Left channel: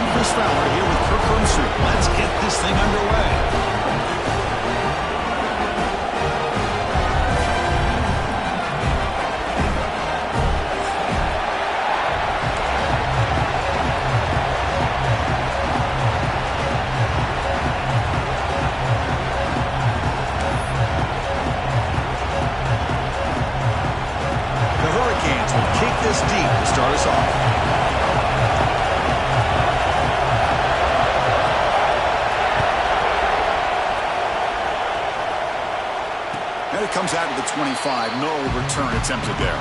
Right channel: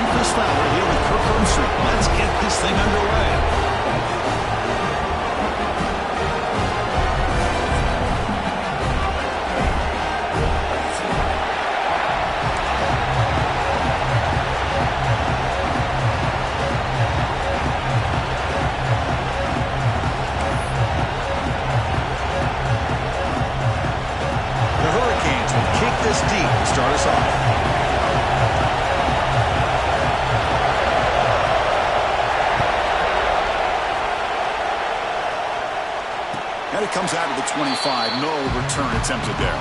I'm Chris Fowler here with Kirk Street. Let's get this thing underway. This deep to start us off. And it comes out to the 25. No return attempted there.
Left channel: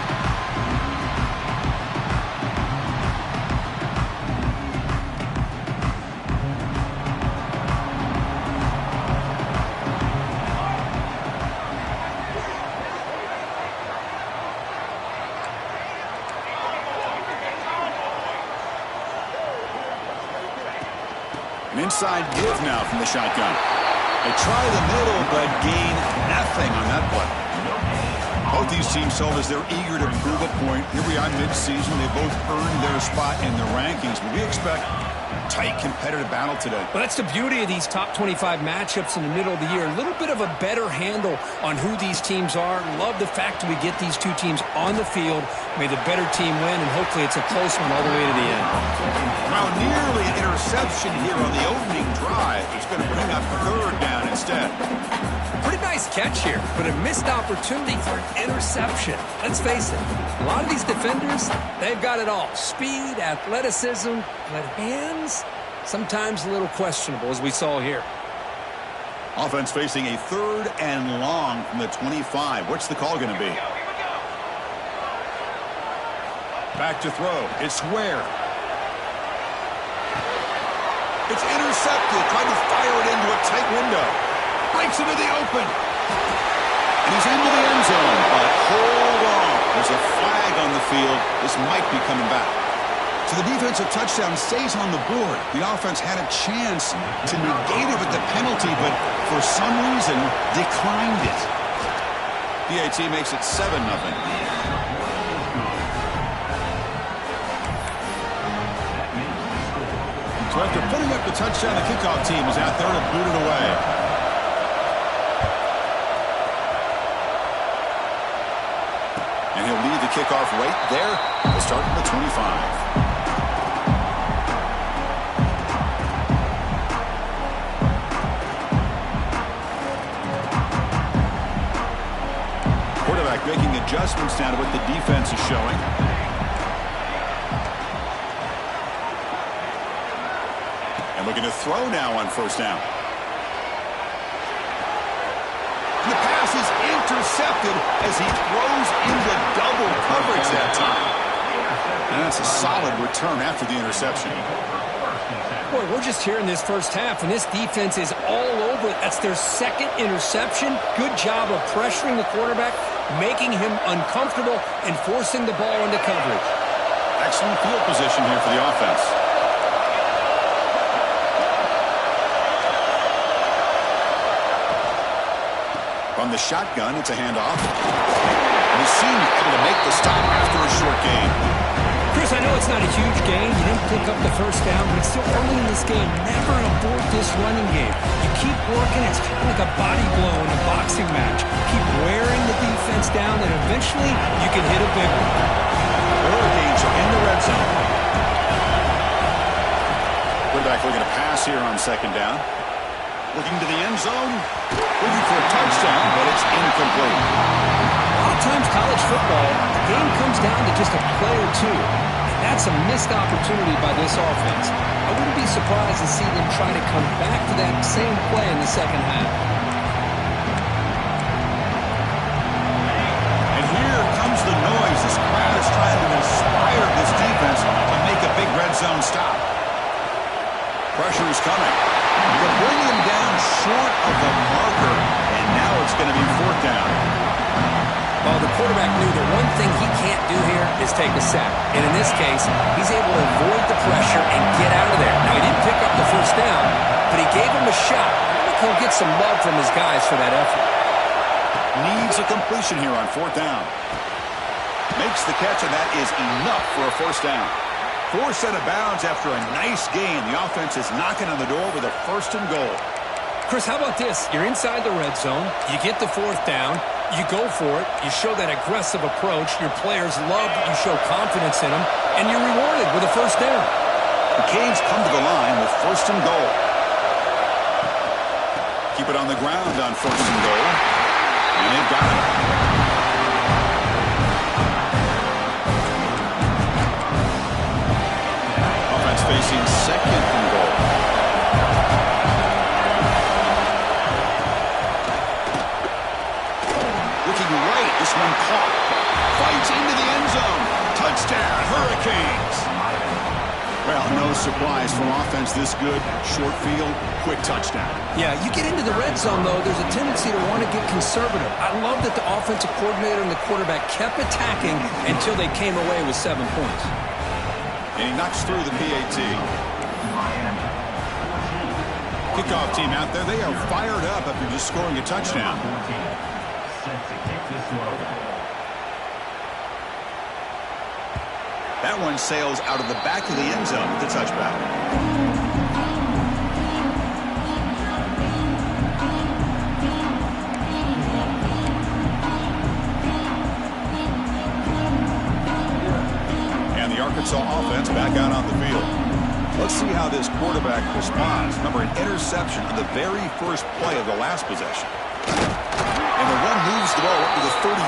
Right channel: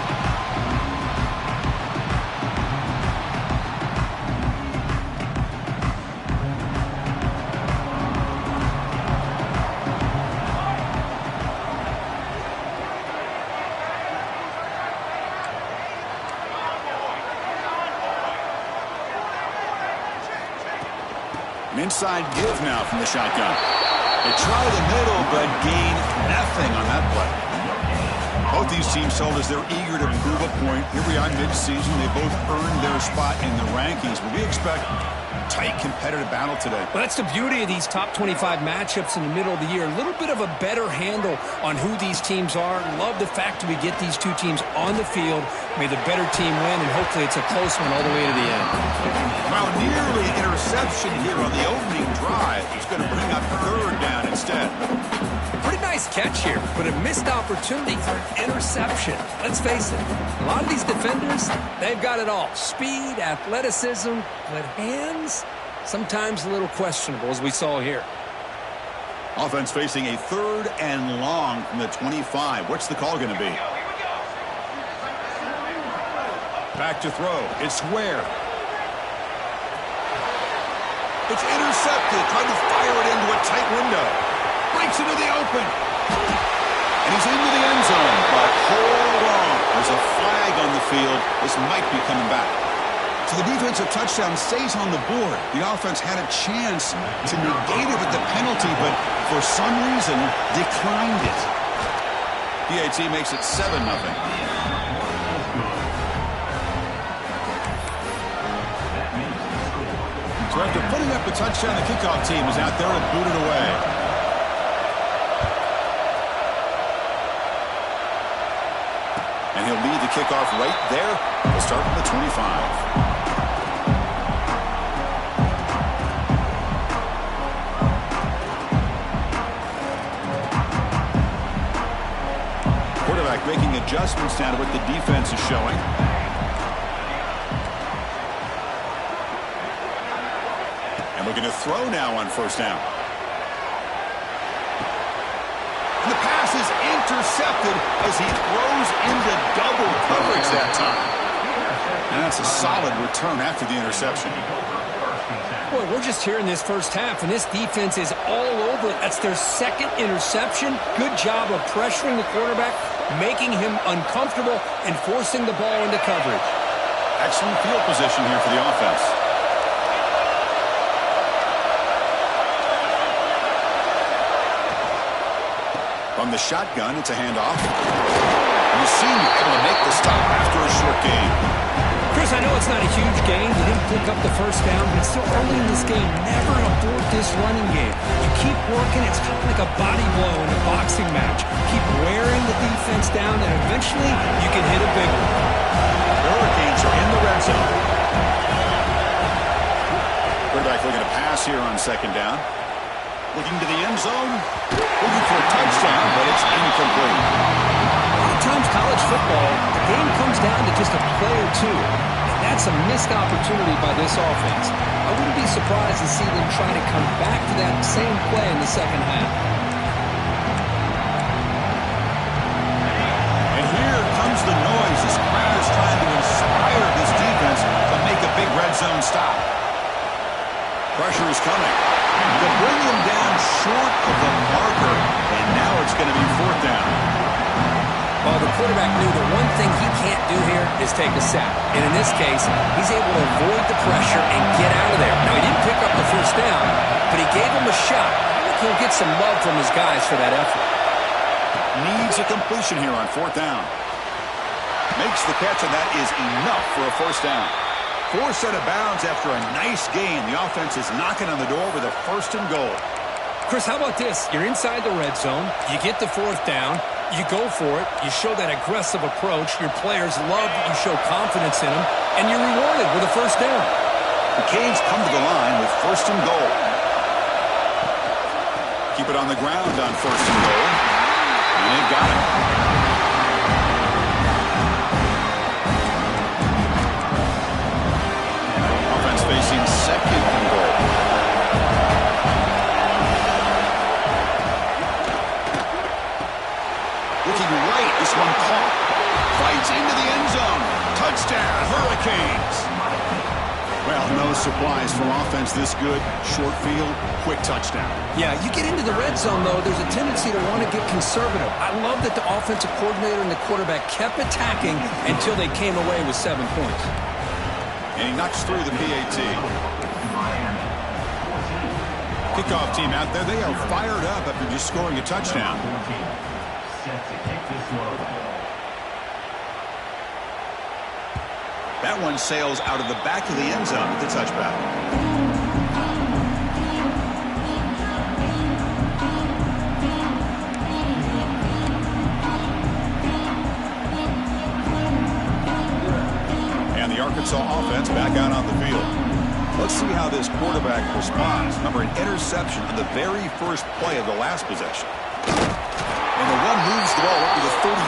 Inside give now from the shotgun. They try the middle, but gain nothing on that play. Both these teams told us they're eager to prove a point. Here we are mid-season. They both earned their spot in the rankings, but we expect tight competitive battle today. Well, that's the beauty of these top 25 matchups in the middle of the year. A little bit of a better handle on who these teams are. Love the fact that we get these two teams on the field. May the better team win, and hopefully it's a close one all the way to the end. Well, nearly an interception here on the opening drive. It's going to bring up third down instead. Pretty nice catch here, but a missed opportunity for an interception. Let's face it, a lot of these defenders, they've got it all. Speed, athleticism, but hands, sometimes a little questionable, as we saw here. Offense facing a third and long from the 25. What's the call going to be? Back to throw. It's Ware. It's intercepted. Tried to fire it into a tight window. Breaks into the open. And he's into the end zone. But hold on. There's a flag on the field. This might be coming back. So the defensive touchdown stays on the board. The offense had a chance to negate it with the penalty, but for some reason declined it. PAT makes it 7-0. So after putting up the touchdown, the kickoff team is out there to boot it away. And he'll lead the kickoff right there. He'll start from the 25. Quarterback making adjustments now to what the defense is showing. And looking to throw now on first down. And the pass is intercepted as he throws into double coverage that time. And that's a solid return after the interception. Boy, we're just here in this first half, and this defense is all over it. That's their second interception. Good job of pressuring the quarterback, making him uncomfortable, and forcing the ball into coverage. Excellent field position here for the offense. From the shotgun, it's a handoff. And the senior able to make the stop after a short gain. Chris, I know it's not a huge gain. You didn't pick up the first down, but it's still early in this game. Never abort this running game. You keep working. It's kind of like a body blow in a boxing match. Keep wearing the defense down, and eventually you can hit a big one. The Hurricanes are in the red zone. Quarterback looking to pass here on second down. Looking to the end zone. Looking for a touchdown, but it's incomplete. A lot of times college football, the game comes down to just a play or two. And that's a missed opportunity by this offense. I wouldn't be surprised to see them try to come back to that same play in the second half. And here comes the noise. This crowd is trying to inspire this defense to make a big red zone stop. Pressure is coming. To bring him down short of the marker, and now it's going to be fourth down. Well, the quarterback knew the one thing he can't do here is take a sack. And in this case, he's able to avoid the pressure and get out of there. Now, he didn't pick up the first down, but he gave him a shot. I think he'll get some love from his guys for that effort. Needs a completion here on fourth down. Makes the catch, and that is enough for a first down. Forced out of bounds after a nice gain. The offense is knocking on the door with a 1st and goal. Chris, how about this? You're inside the red zone. You get the 4th down. You go for it. You show that aggressive approach. Your players love that you show confidence in them. And you're rewarded with a 1st down. The Canes come to the line with 1st and goal. Keep it on the ground on 1st and goal. And they've got it. Offense facing 2nd and goal. Looking right. This one caught. Fights into the end zone. Touchdown, Hurricanes. Well, no surprise from offense this good. Short field, quick touchdown. Yeah, you get into the red zone, though, there's a tendency to want to get conservative. I love that the offensive coordinator and the quarterback kept attacking until they came away with 7 points. And he knocks through the PAT. Kickoff team out there, they are fired up after just scoring a touchdown. That one sails out of the back of the end zone with the touchback. And the Arkansas offense back out on the field. Let's see how this quarterback responds. Remember, an interception on the very first play of the last possession. And the one moves the ball up to the 33.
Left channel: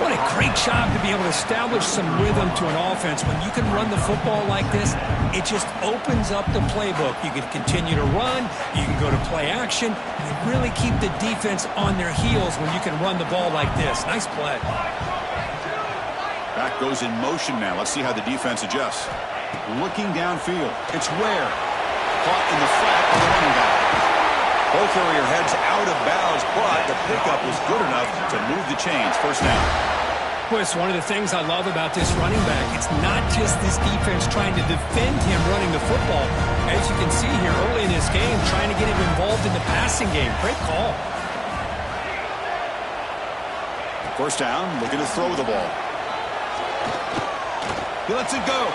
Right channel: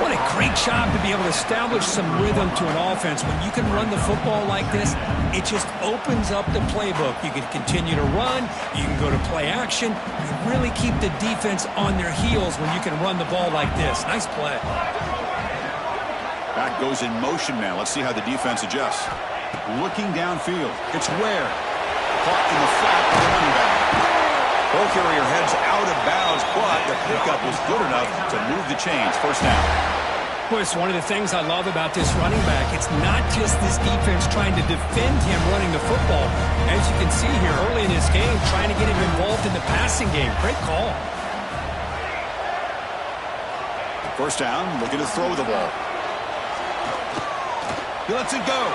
What a great job to be able to establish some rhythm to an offense. When you can run the football like this, it just opens up the playbook. You can continue to run. You can go to play action. You really keep the defense on their heels when you can run the ball like this. Nice play. Back goes in motion now. Let's see how the defense adjusts. Looking downfield. It's Ware. Caught in the flat by the running back. Ball carrier heads out of bounds, but the pickup was good enough to move the chains. 1st down. Well, it's one of the things I love about this running back. It's not just this defense trying to defend him running the football. As you can see here early in this game, trying to get him involved in the passing game. Great call. 1st down, looking to throw the ball. He lets it go.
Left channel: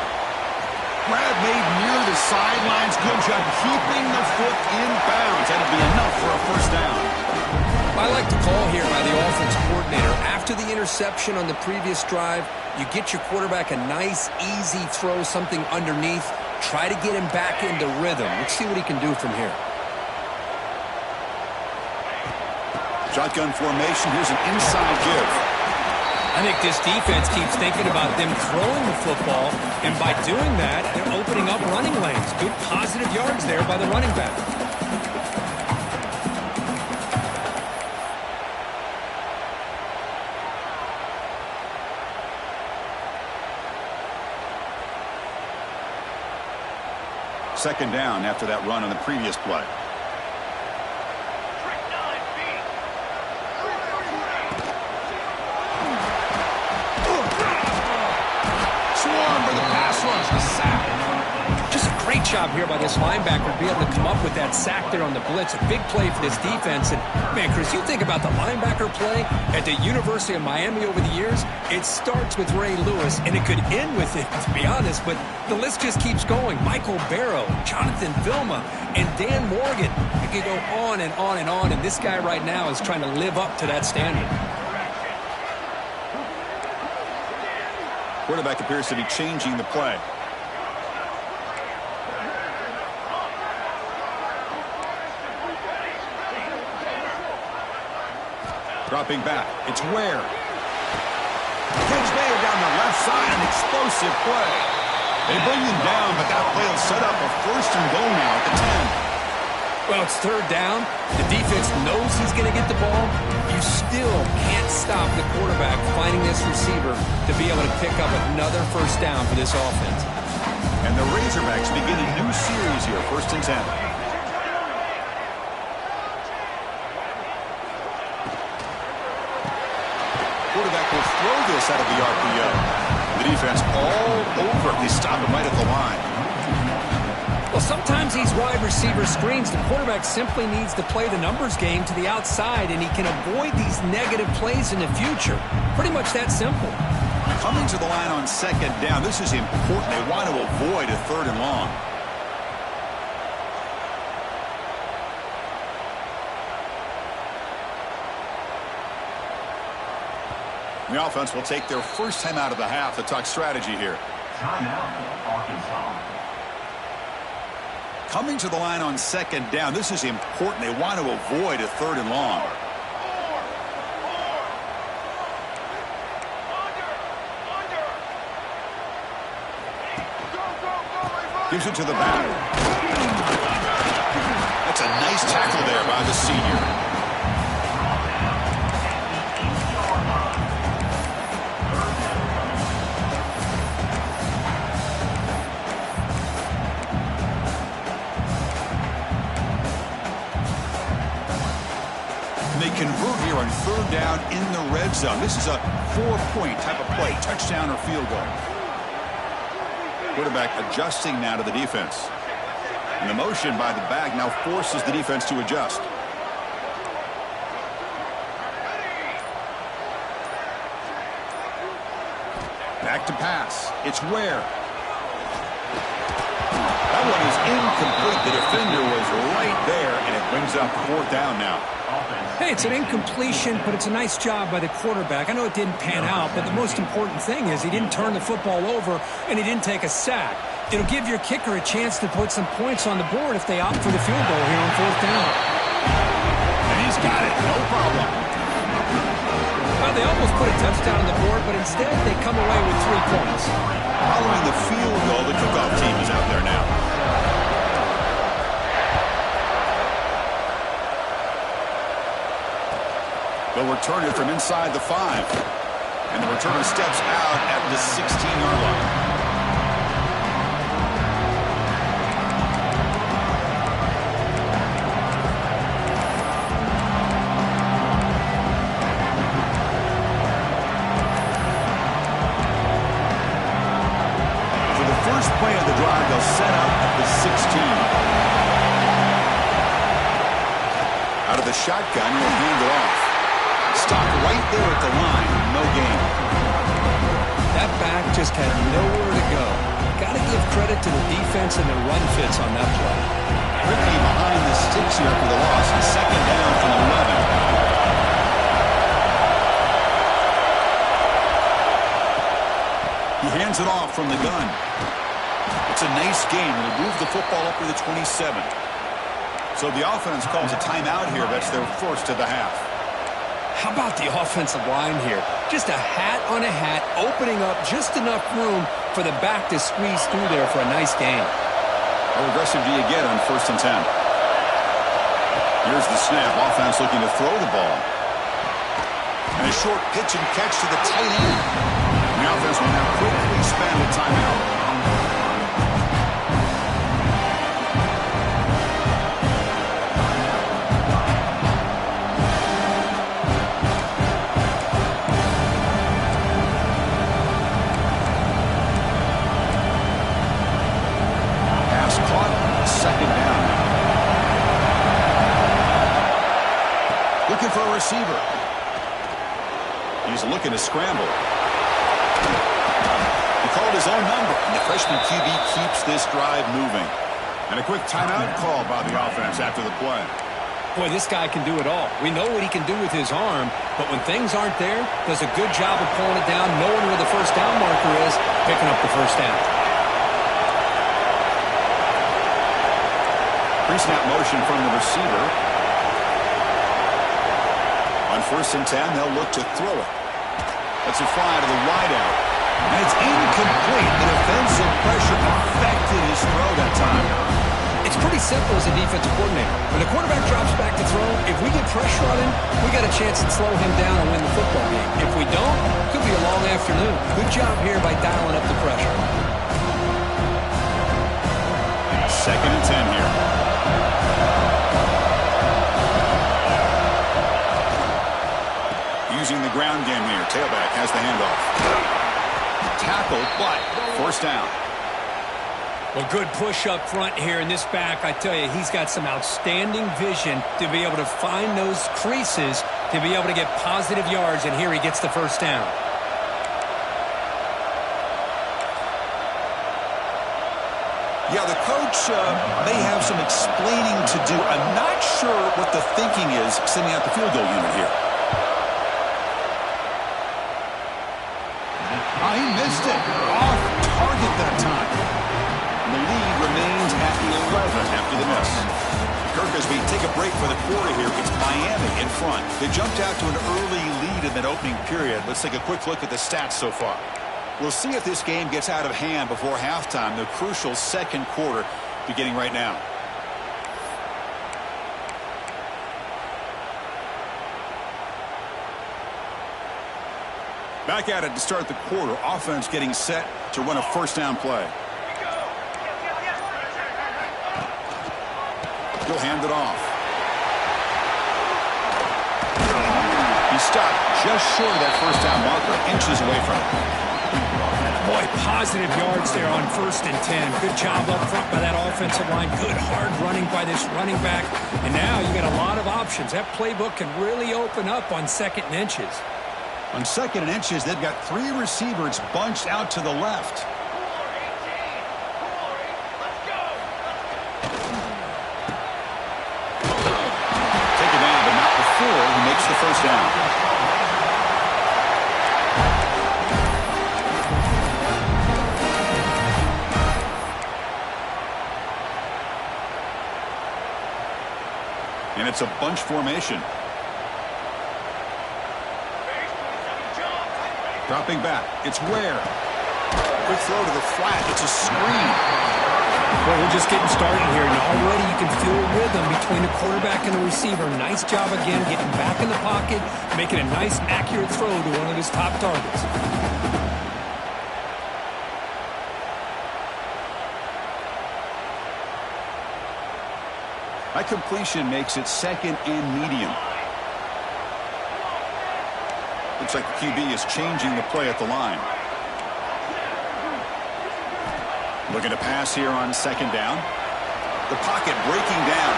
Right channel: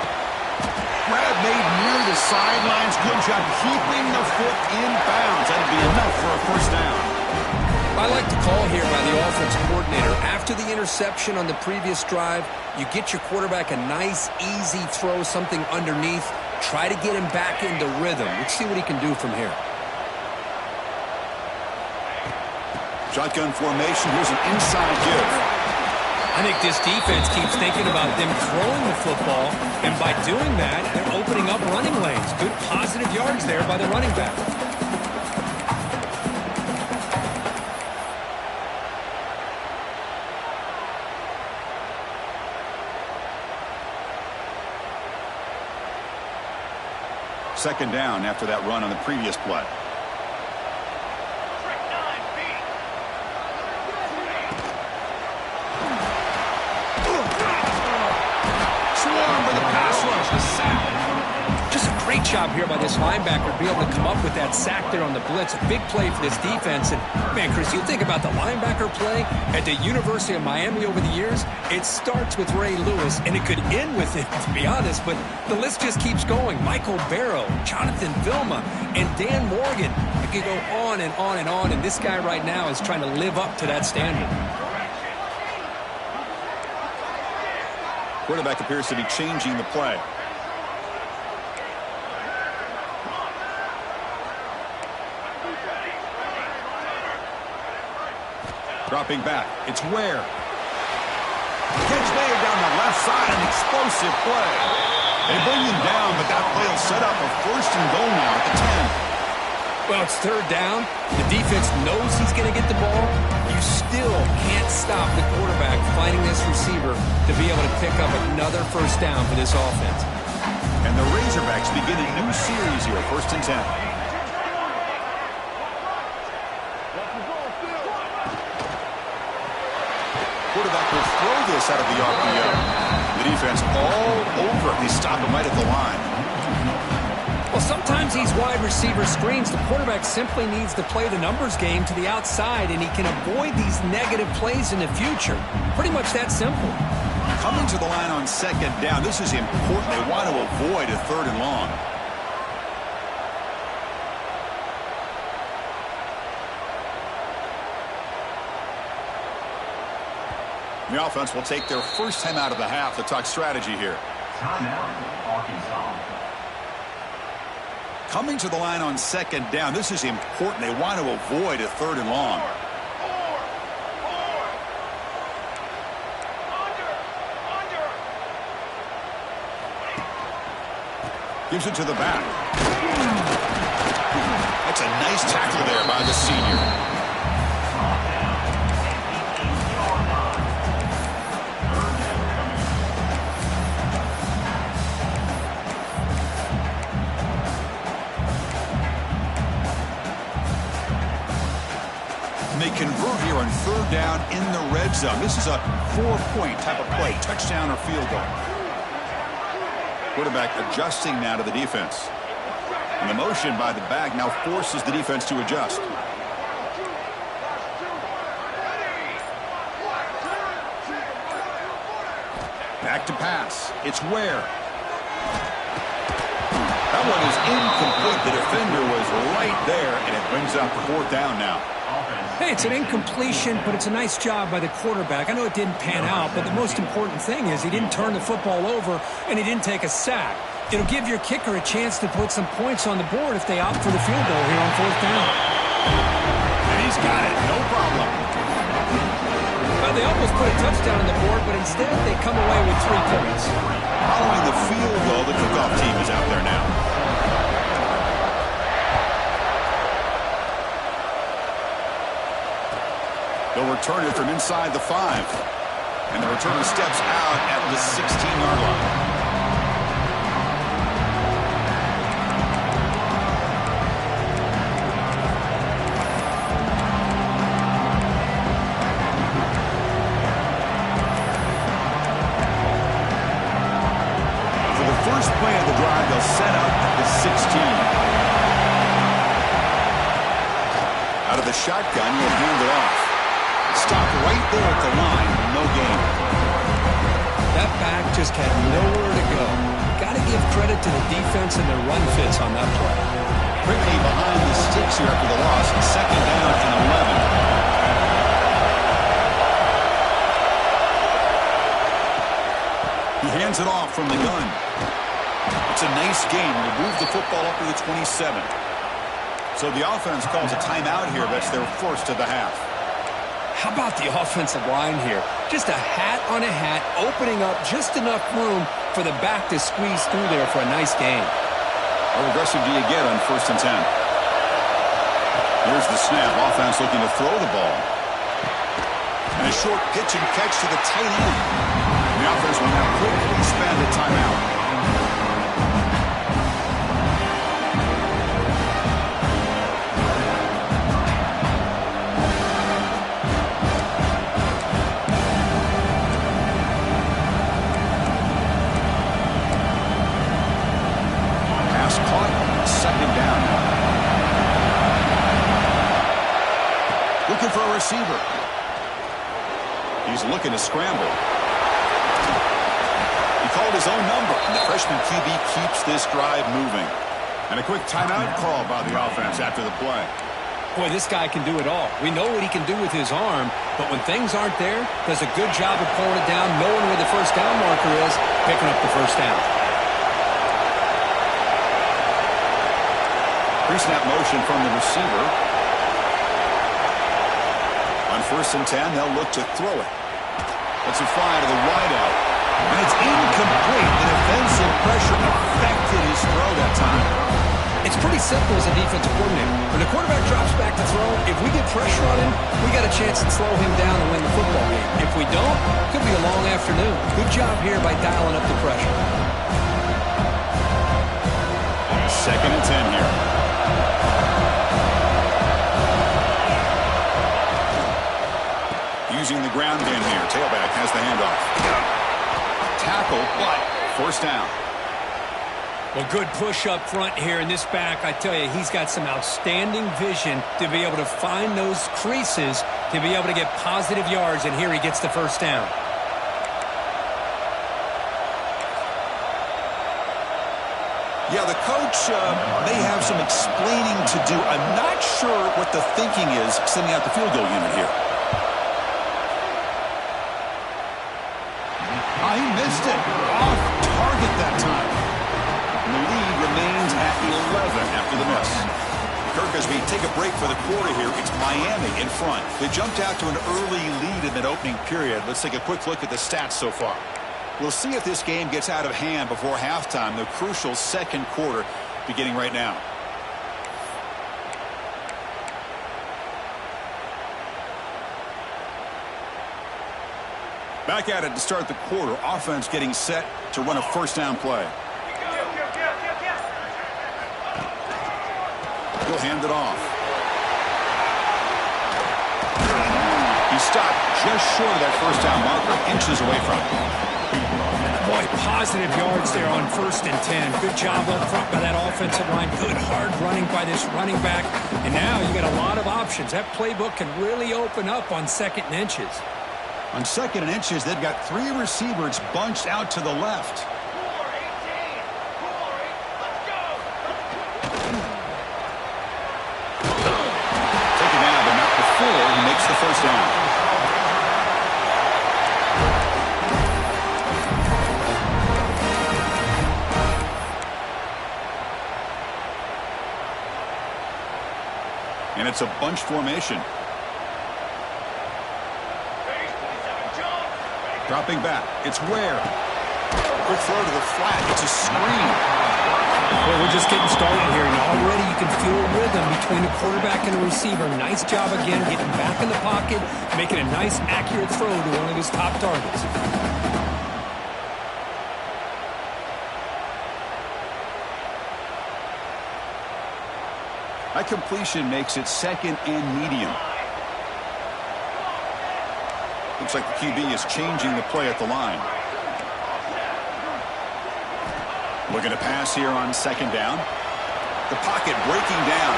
Grab made near the sidelines. Good job keeping the foot in bounds. That'll be enough for a 1st down. I like the call here by the offense coordinator. After the interception on the previous drive, you get your quarterback a nice, easy throw, something underneath. Try to get him back into rhythm. Let's see what he can do from here. Shotgun formation. Here's an inside give. I think this defense keeps thinking about them throwing the football, and by doing that, they're opening up running lanes. Good positive yards there by the running back. Second down after that run on the previous play. Swarm with the pass rush, a sack. Just a great job here by this linebacker to be able to come up with that sack there on the blitz. A big play for this defense. And, man, Chris, you think about the linebacker play at the University of Miami over the years, it starts with Ray Lewis, and it could end with it, to be honest, but the list just keeps going. Michael Barrow, Jonathan Vilma, and Dan Morgan. It could go on and on and on, and this guy right now is trying to live up to that standard. Quarterback appears to be changing the play. Dropping back. It's Ware. Catch made down the left side. An explosive play. They bring him down, but that play will set up a 1st and goal now at the 10. Well, it's 3rd down. The defense knows he's going to get the ball. You still can't stop the quarterback finding this receiver to be able to pick up another 1st down for this offense. And the Razorbacks begin a new series here, 1st and 10. Quarterback will throw this out of the RPO. The defense all over it. They stop him right at the line. Well, sometimes these wide receiver screens, the quarterback simply needs to play the numbers game to the outside, and he can avoid these negative plays in the future. Pretty much that simple. Coming to the line on second down. This is important. They want to avoid a 3rd and long. The offense will take their first time out of the half to talk strategy here. Timeout, Arkansas. Coming to the line on second down. This is important. They want to avoid a 3rd and long. Gives it to the back. That's a nice tackle there by the senior. And they convert here on 3rd down in the red zone. This is a 4-point type of play, touchdown or field goal. Quarterback adjusting now to the defense. And the motion by the back now forces the defense to adjust. Back to pass. It's Ware. That one is incomplete. The defender was right there, and it brings up 4th down now. Hey, it's an incompletion, but it's a nice job by the quarterback. I know it didn't pan out, but the most important thing is he didn't turn the football over, and he didn't take a sack. It'll give your kicker a chance to put some points on the board if they opt for the field goal here on 4th down. And he's got it. No problem. Well, they almost put a touchdown on the board, but instead they come away with 3 points. Following the field goal, the kickoff team is out there now. They'll return it from inside the 5. And the returner steps out at the 16-yard line. For the first play of the drive, they'll set up at the 16. Out of the shotgun, he'll hand it off. Stopped right there at the line. No gain. That back just had nowhere to go. Got to give credit to the defense and their run fits on that play. Quickly behind the sticks here after the loss. 2nd down and 11. He hands it off from the gun. It's a nice gain. Will move the football up to the 27. So the offense calls a timeout here. That's their first of the half. How about the offensive line here? Just a hat on a hat, opening up just enough room for the back to squeeze through there for a nice gain. How aggressive do you get on 1st and 10? Here's the snap. Offense looking to throw the ball. And a short pitch and catch to the tight end. The offense will now quickly spend a timeout. Caught. 2nd down now. Looking for a receiver. He's looking to scramble. He called his own number, and the freshman QB keeps this drive moving. And a quick timeout call by the offense after the play. Boy, this guy can do it all. We know what he can do with his arm, but when things aren't there, does a good job of pulling it down, knowing where the 1st down marker is, picking up the 1st down. Pre-snap motion from the receiver. On 1st and 10, they'll look to throw it. That's a fly to the wideout. And it's incomplete. The defensive pressure affected his throw that time. It's pretty simple as a defensive coordinator. When the quarterback drops back to throw, if we get pressure on him, we got a chance to slow him down and win the football game. If we don't, it could be a long afternoon. Good job here by dialing up the pressure. 2nd and 10 here. Using the ground game here. Tailback has the handoff. Tackle, but 1st down. Well, good push up front here in this back. I tell you, he's got some outstanding vision to be able to find those creases to be able to get positive yards, and here he gets the 1st down. Yeah, the coach may have some explaining to do. I'm not sure what the thinking is sending out the field goal unit here. He missed it. Off target that time. And the lead remains at 11 after the miss. Kirk, as we take a break for the quarter here, it's Miami in front. They jumped out to an early lead in that opening period. Let's take a quick look at the stats so far. We'll see if this game gets out of hand before halftime, the crucial second quarter beginning right now. Back at it to start the quarter. Offense getting set to run a first down play. He'll hand it off. He stopped just short of that first down marker, inches away from it. Boy, positive yards there on 1st and 10. Good job up front by that offensive line. Good hard running by this running back. And now you got a lot of options. That playbook can really open up on 2nd and inches. On 2nd and inches, they've got 3 receivers bunched out to the left. Taken down, but not before he makes the first down. And it's a bunch formation. Dropping back. It's Ware. Quick throw to the flat. It's a screen. Well, we're just getting started here, and already you can feel a rhythm between the quarterback and the receiver. Nice job again, getting back in the pocket, making a nice, accurate throw to one of his top targets. That completion makes it 2nd and medium. Looks like the QB is changing the play at the line. Looking to pass here on 2nd down. The pocket breaking down.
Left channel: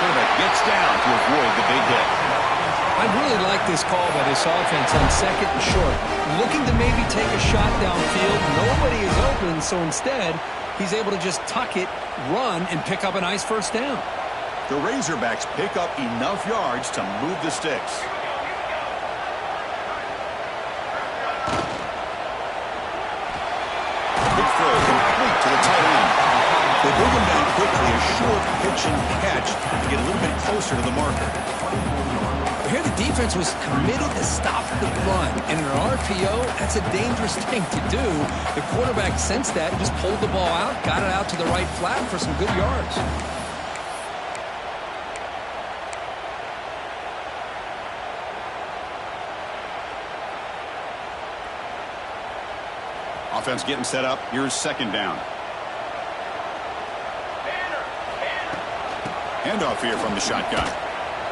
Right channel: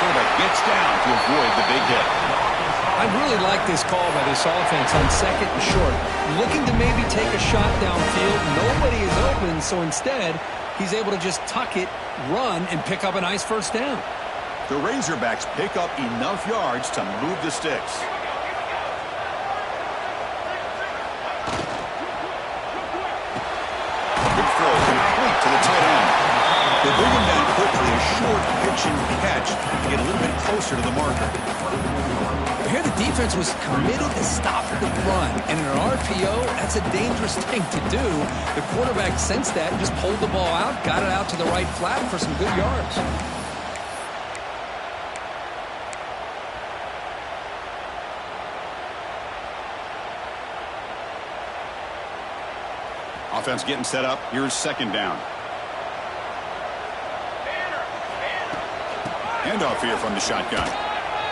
Quarterback gets down to avoid the big hit. I really like this call by this offense on 2nd and short. Looking to maybe take a shot downfield. Nobody is open, so instead, he's able to just tuck it, run, and pick up a nice first down. The Razorbacks pick up enough yards to move the sticks. Good throw, complete to the tight end. They bring him down quickly, a short pitch and catch to get a little bit closer to the marker. Here the defense was committed to stop the run. And in an RPO, that's a dangerous thing to do. The quarterback sensed that and just pulled the ball out, got it out to the right flat for some good yards. Offense getting set up. Here's 2nd down. Handoff here from the shotgun.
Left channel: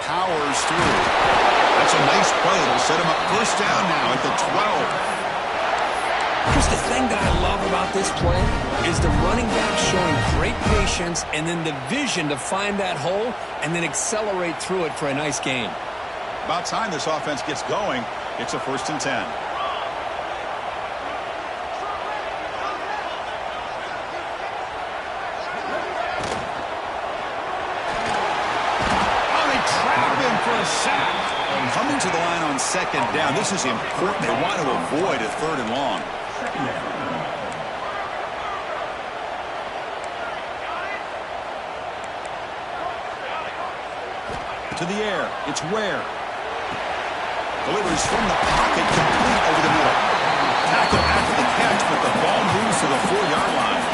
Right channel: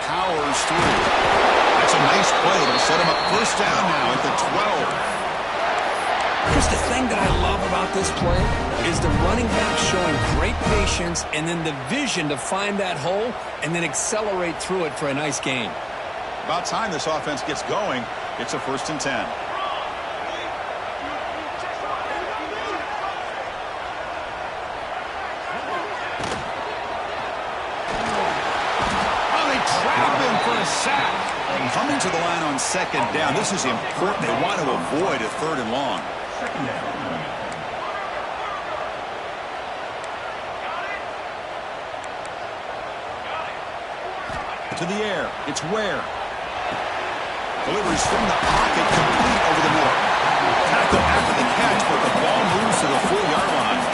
Powers through. That's a nice play. It'll set him up first down now at the 12. Chris, the thing that I love about this play is the running back showing great patience and then the vision to find that hole and then accelerate through it for a nice gain. About time this offense gets going. It's a 1st and 10. Trap him for a sack. Coming to the line on 2nd down. This is important. They want to avoid a 3rd and long. To the air. It's Ware. Delivers from the pocket, complete over the middle. Tackle after the catch, but the ball moves to the 4-yard line.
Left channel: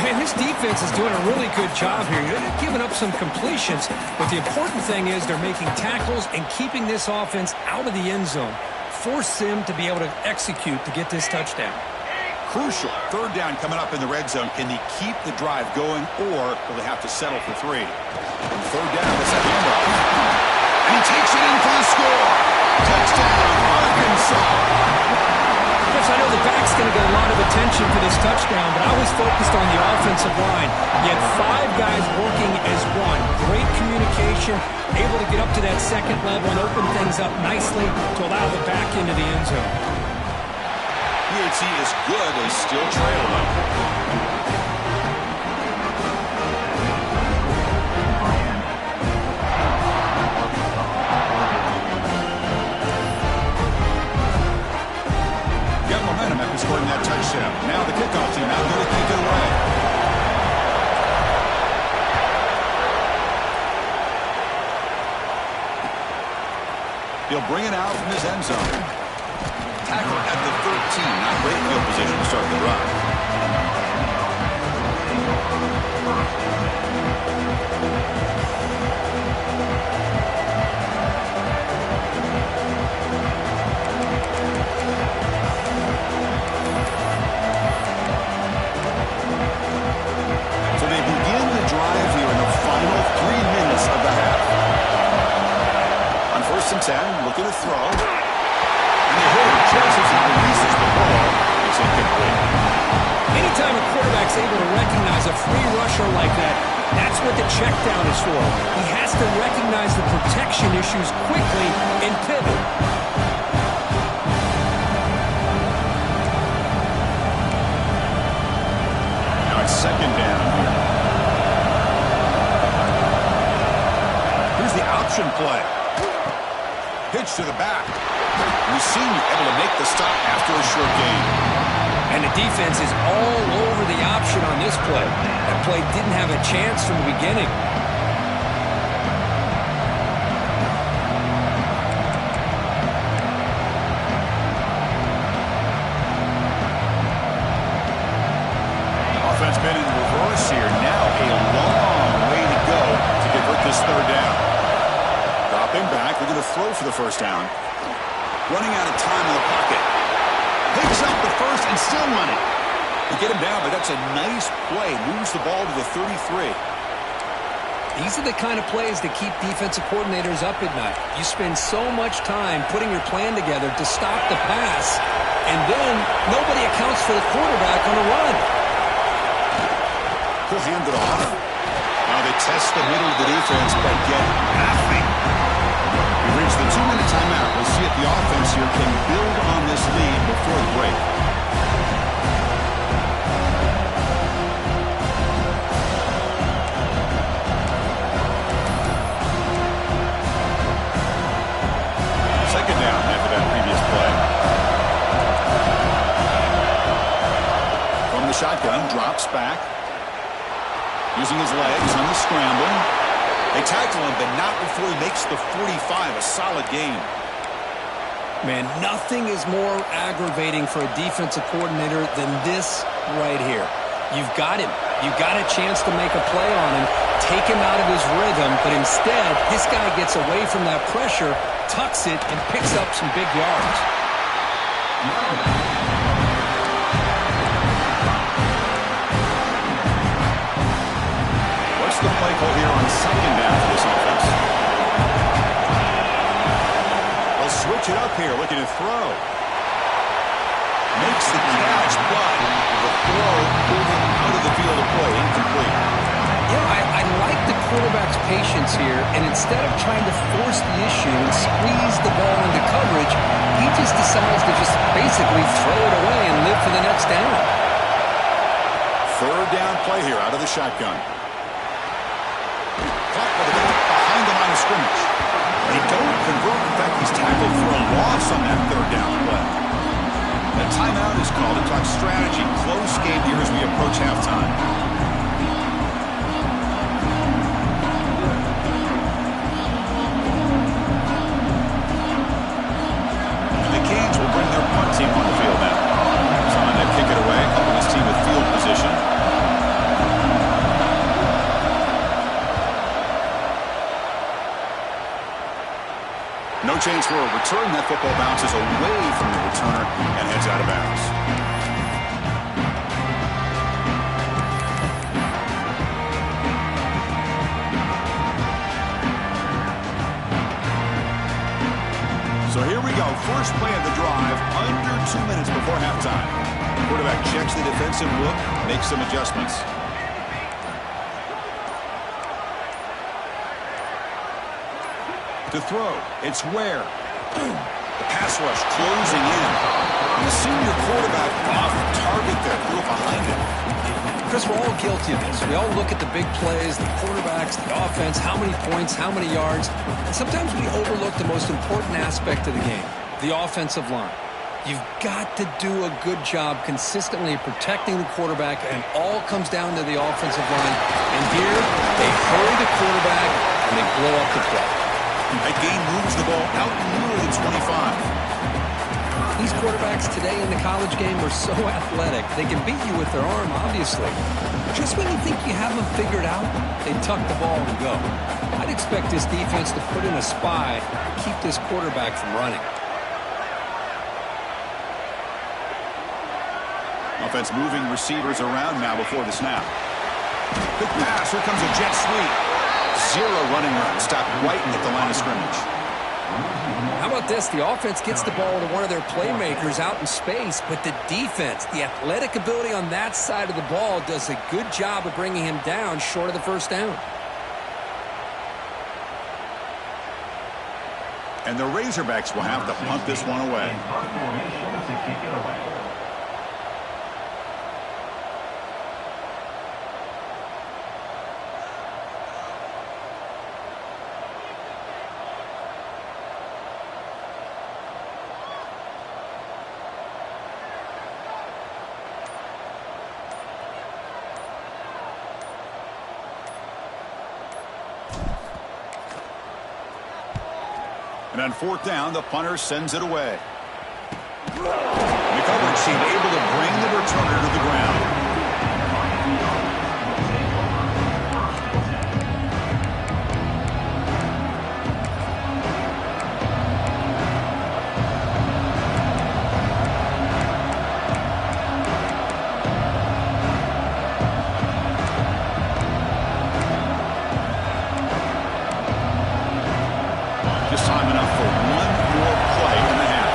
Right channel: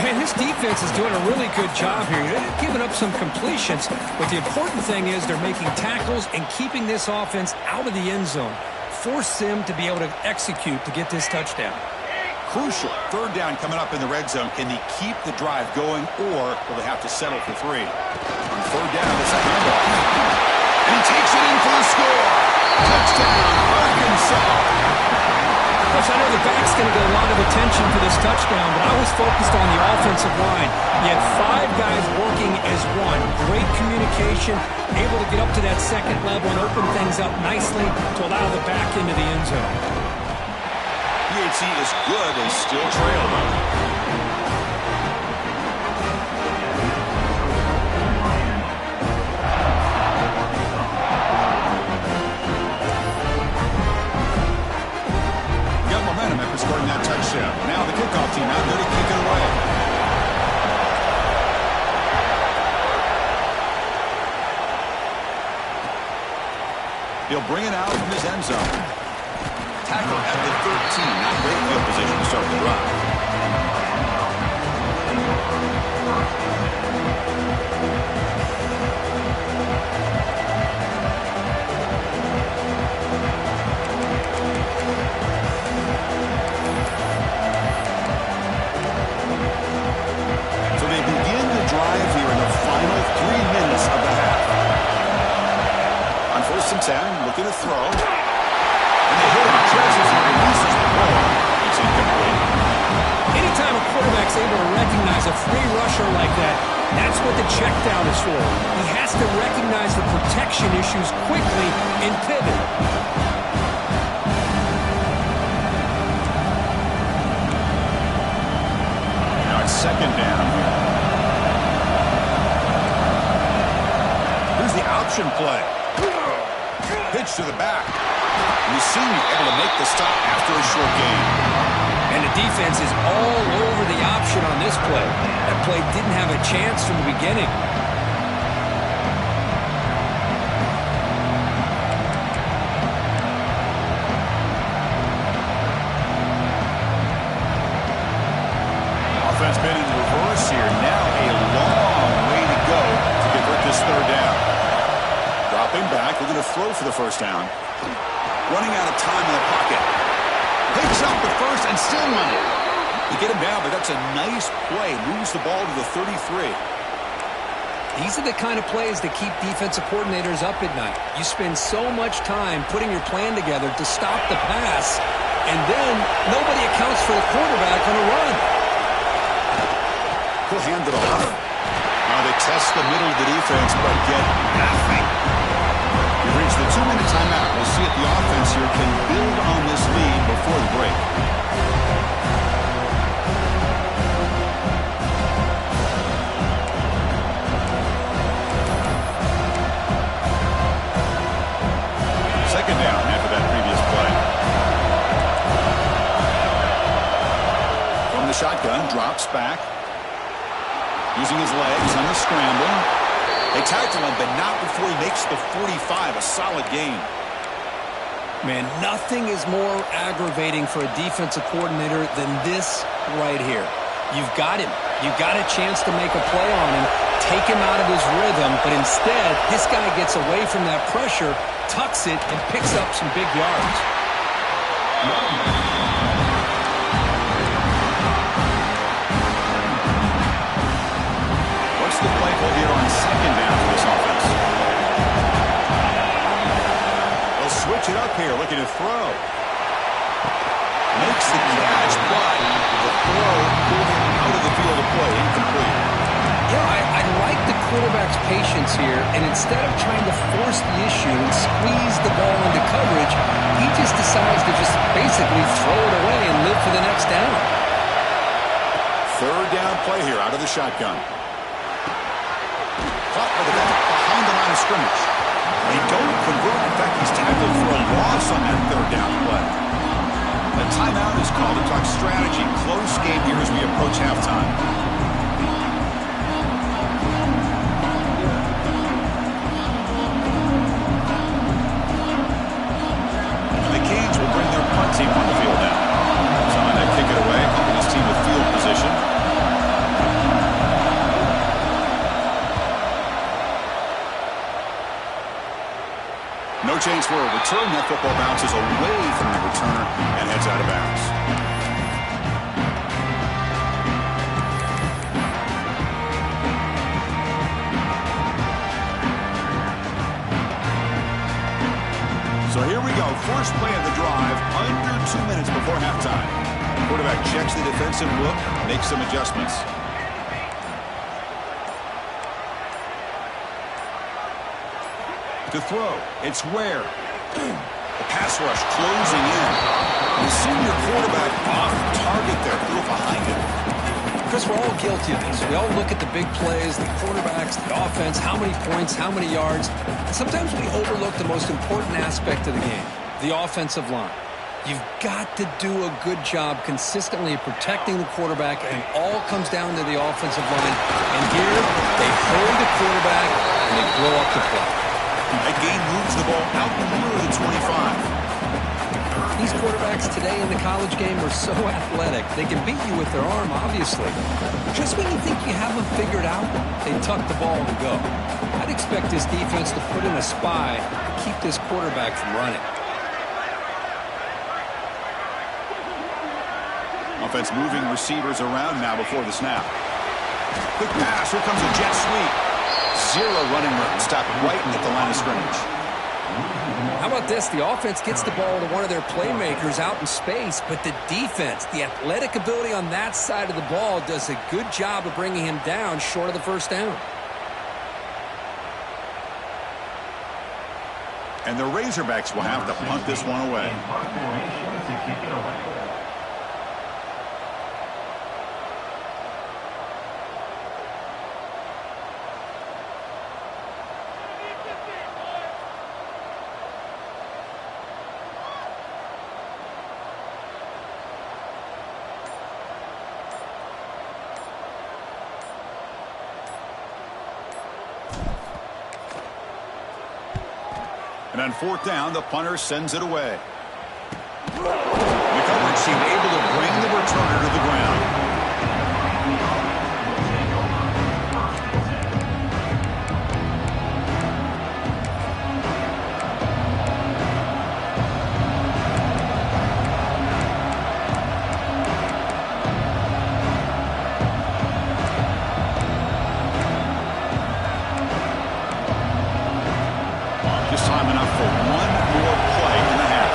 Man, this defense is doing a really good job here. They're giving up some completions, but the important thing is they're making tackles and keeping this offense out of the end zone. Force them to be able to execute to get this touchdown. Crucial. 3rd down coming up in the red zone. Can they keep the drive going, or will they have to settle for 3? On 3rd down, it's a handoff. And he takes it in for the score. Touchdown, Arkansas. Chris, I know the back's going to get a lot of attention for this touchdown, but I was focused on the offensive line. You had 5 guys working as one. Great communication, able to get up to that 2nd level and open things up nicely to allow the back into the end zone. PHC is good. They still trail, though. momentum after scoring that touchdown. Now the kickoff team out there to kick it away. He'll bring it out from his end zone. Tackle at the 13. Not great field position to start the drive. So they begin the drive here in the final 3 minutes of the half. On 1st and 10, looking to throw. And they hit him just as he releases the ball. It's incomplete. Anytime a quarterback's able to recognize a free rusher like that, that's what the check down is for. He has to recognize the protection issues quickly and pivot. Now it's 2nd down here. Here's the option play. Pitch to the back. And the senior able to make the stop after a short gain. And the defense is all over the option on this play. That play didn't have a chance from the beginning. Offense been in reverse here. Now a long way to go to convert this 3rd down. Dropping back. They're going to throw for the 1st down. Running out of time in the pocket. Picks up the 1st and still running. They get him down, but that's a nice play. Moves the ball to the 33. These are the kind of plays that keep defensive coordinators up at night. You spend so much time putting your plan together to stop the pass, and then nobody accounts for the quarterback on a run. He'll hand it off. Now they test the middle of the defense, but get nothing. We've reached the 2-minute timeout. We'll see if the offense here can build on this lead before the break. Second down after that previous play. From the shotgun, drops back. Using his legs on the scramble. They tackle him, but not before he makes the 45, a solid gain. Man, nothing is more aggravating for a defensive coordinator than this right here. You've got him. You've got a chance to make a play on him, take him out of his rhythm, but instead, this guy gets away from that pressure, tucks it, and picks up some big yards. What's the play call here on 2nd down for this offense? They'll switch it up here, looking to throw. Makes the catch, but the throw pulled him out of the field of play, incomplete. You know, I like the quarterback's patience here, and instead of trying to force the issue and squeeze the ball into coverage, he just decides to just basically throw it away and live for the next down. 3rd down play here out of the shotgun. Caught by the back behind the line of scrimmage. They don't convert. In fact, he's tackled for a loss on that 3rd down play. A timeout is called to talk strategy. Close game here as we approach halftime. And the Canes will bring their punt team on the field now. Someone to kick it away, helping his team with field position. No chance for a return. That football bounces away from the returner and heads out of bounds. So here we go. First play of the drive, under 2 minutes before halftime. Quarterback checks the defensive look, makes some adjustments. To throw, it's Ware. The pass rush closing in. And the senior quarterback off target there, threw it behind him. Chris, we're all guilty of this. We all look at the big plays, the quarterbacks, the offense, how many points, how many yards. And sometimes we overlook the most important aspect of the game, the offensive line. You've got to do a good job consistently protecting the quarterback, and all comes down to the offensive line. And here, they hurry the quarterback, and they blow up the play. That gain moves the ball out near the 25. These quarterbacks today in the college game are so athletic. They can beat you with their arm, obviously. Just when you think you have them figured out, they tuck the ball and go. I'd expect this defense to put in a spy to keep this quarterback from running. Offense moving receivers around now before the snap. Quick pass. Here comes a jet sweep. Zero running room. Stopped right at the line of scrimmage. How about this? The offense gets the ball to one of their playmakers out in space, but the defense, the athletic ability on that side of the ball, does a good job of bringing him down short of the first down. And the Razorbacks will have to punt this one away. Punt formation to kick it away. And on fourth down, the punter sends it away. The coverage seemed able to bring the returner to the ground. Just time enough for one more play in the half.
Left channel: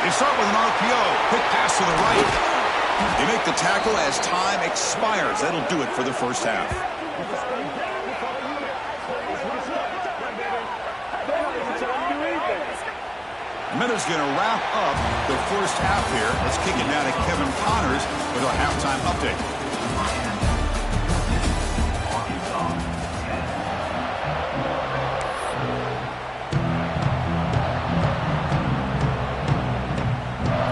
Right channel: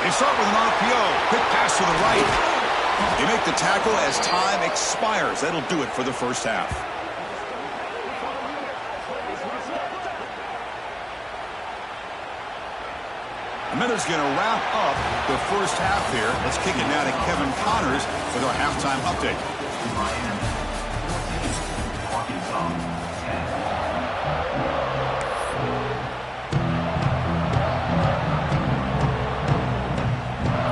They start with an RPO. Quick pass to the right. They make the tackle as time expires. That'll do it for the first half. And then it's going to wrap up the first half here. Let's kick it now to Kevin Connors with our halftime update.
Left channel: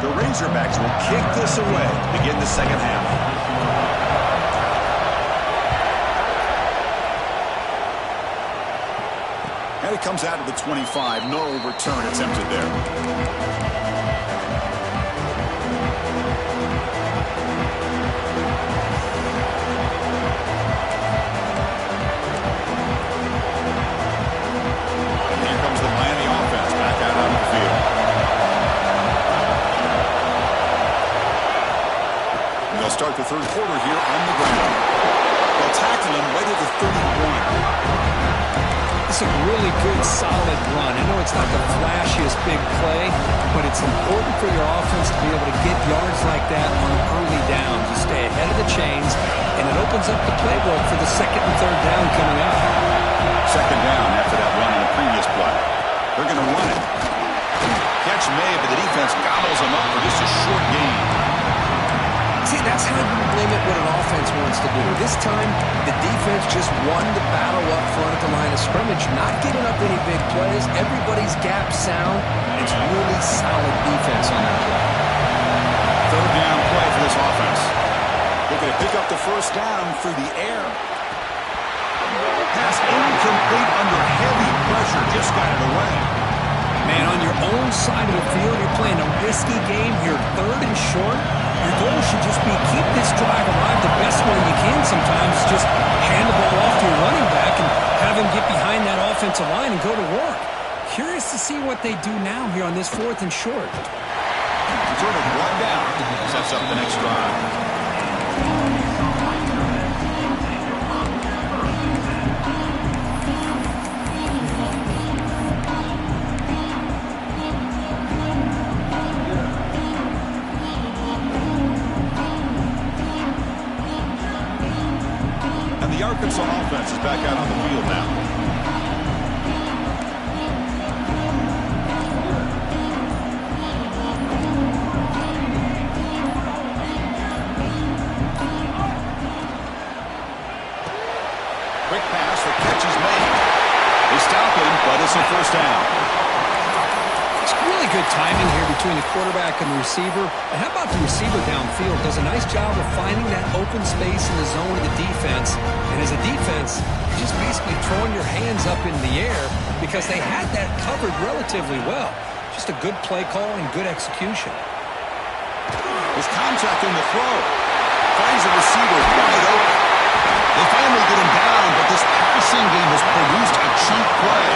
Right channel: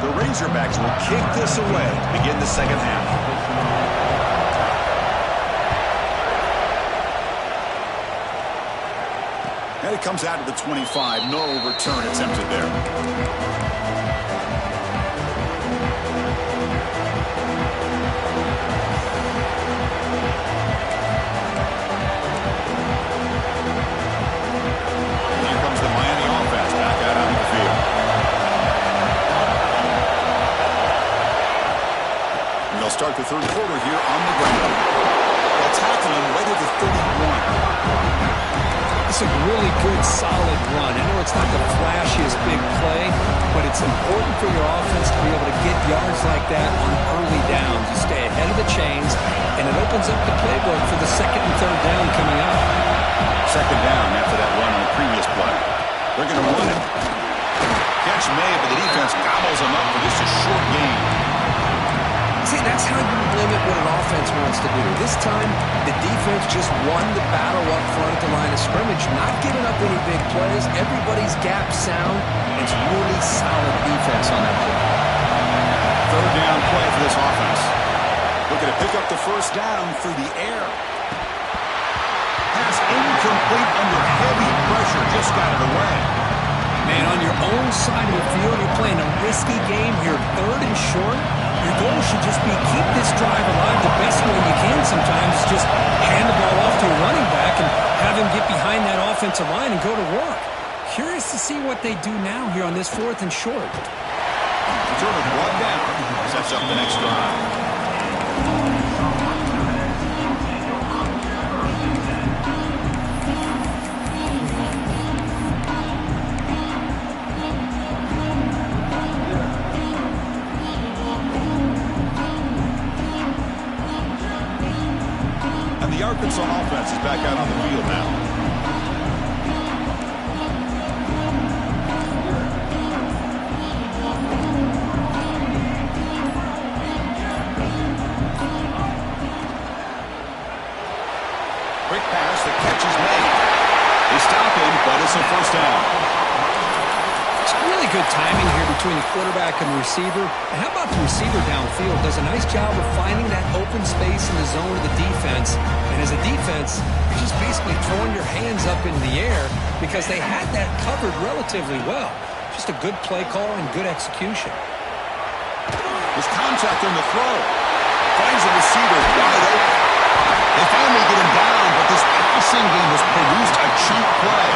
The Razorbacks will kick this away to begin the second half. And it comes out to the 25. No return attempted there. And here comes the Miami offense back out onto the field. They'll start the third quarter here on the ground. They'll tackle him right at the 31. It's a really good, solid run. I know it's not the flashiest big play, but it's important for your offense to be able to get yards like that on early downs. You stay ahead of the chains, and it opens up the playbook for the second and third down coming up. Second down after that run on the previous play. They're going to run it. Catch made, but the defense gobbles them up for just a short gain. See, that's how you limit what an offense wants to do. This time, the defense just won the battle up front at the line of scrimmage, not giving up any big plays. Everybody's gap sound. It's really solid defense on that play. Third down play for this offense. Looking to pick up the first down through the air. Pass incomplete under heavy pressure. Just got it away. Man, on your own side of the field, you're playing a risky game here, third and short. Your goal should just be keep this drive alive the best way you can sometimes. Is just hand the ball off to your running back and have him get behind that offensive line and go to work. Curious to see what they do now here on this fourth and short. Returner brought down. Sets up the next drive. The Arkansas offense is back out on the field now. Quick pass, the catch is made. They stop it but it's a first down. It's really good timing here between the quarterback and the receiver. And how about the receiver downfield? Does a nice job of finding that open space in the zone of the defense. And as a defense, you're just basically throwing your hands up in the air because they had that covered relatively well. Just a good play call and good execution. There's contact on the throw. Finds the receiver wide open. They finally get him down, but this passing game has produced a chunk play.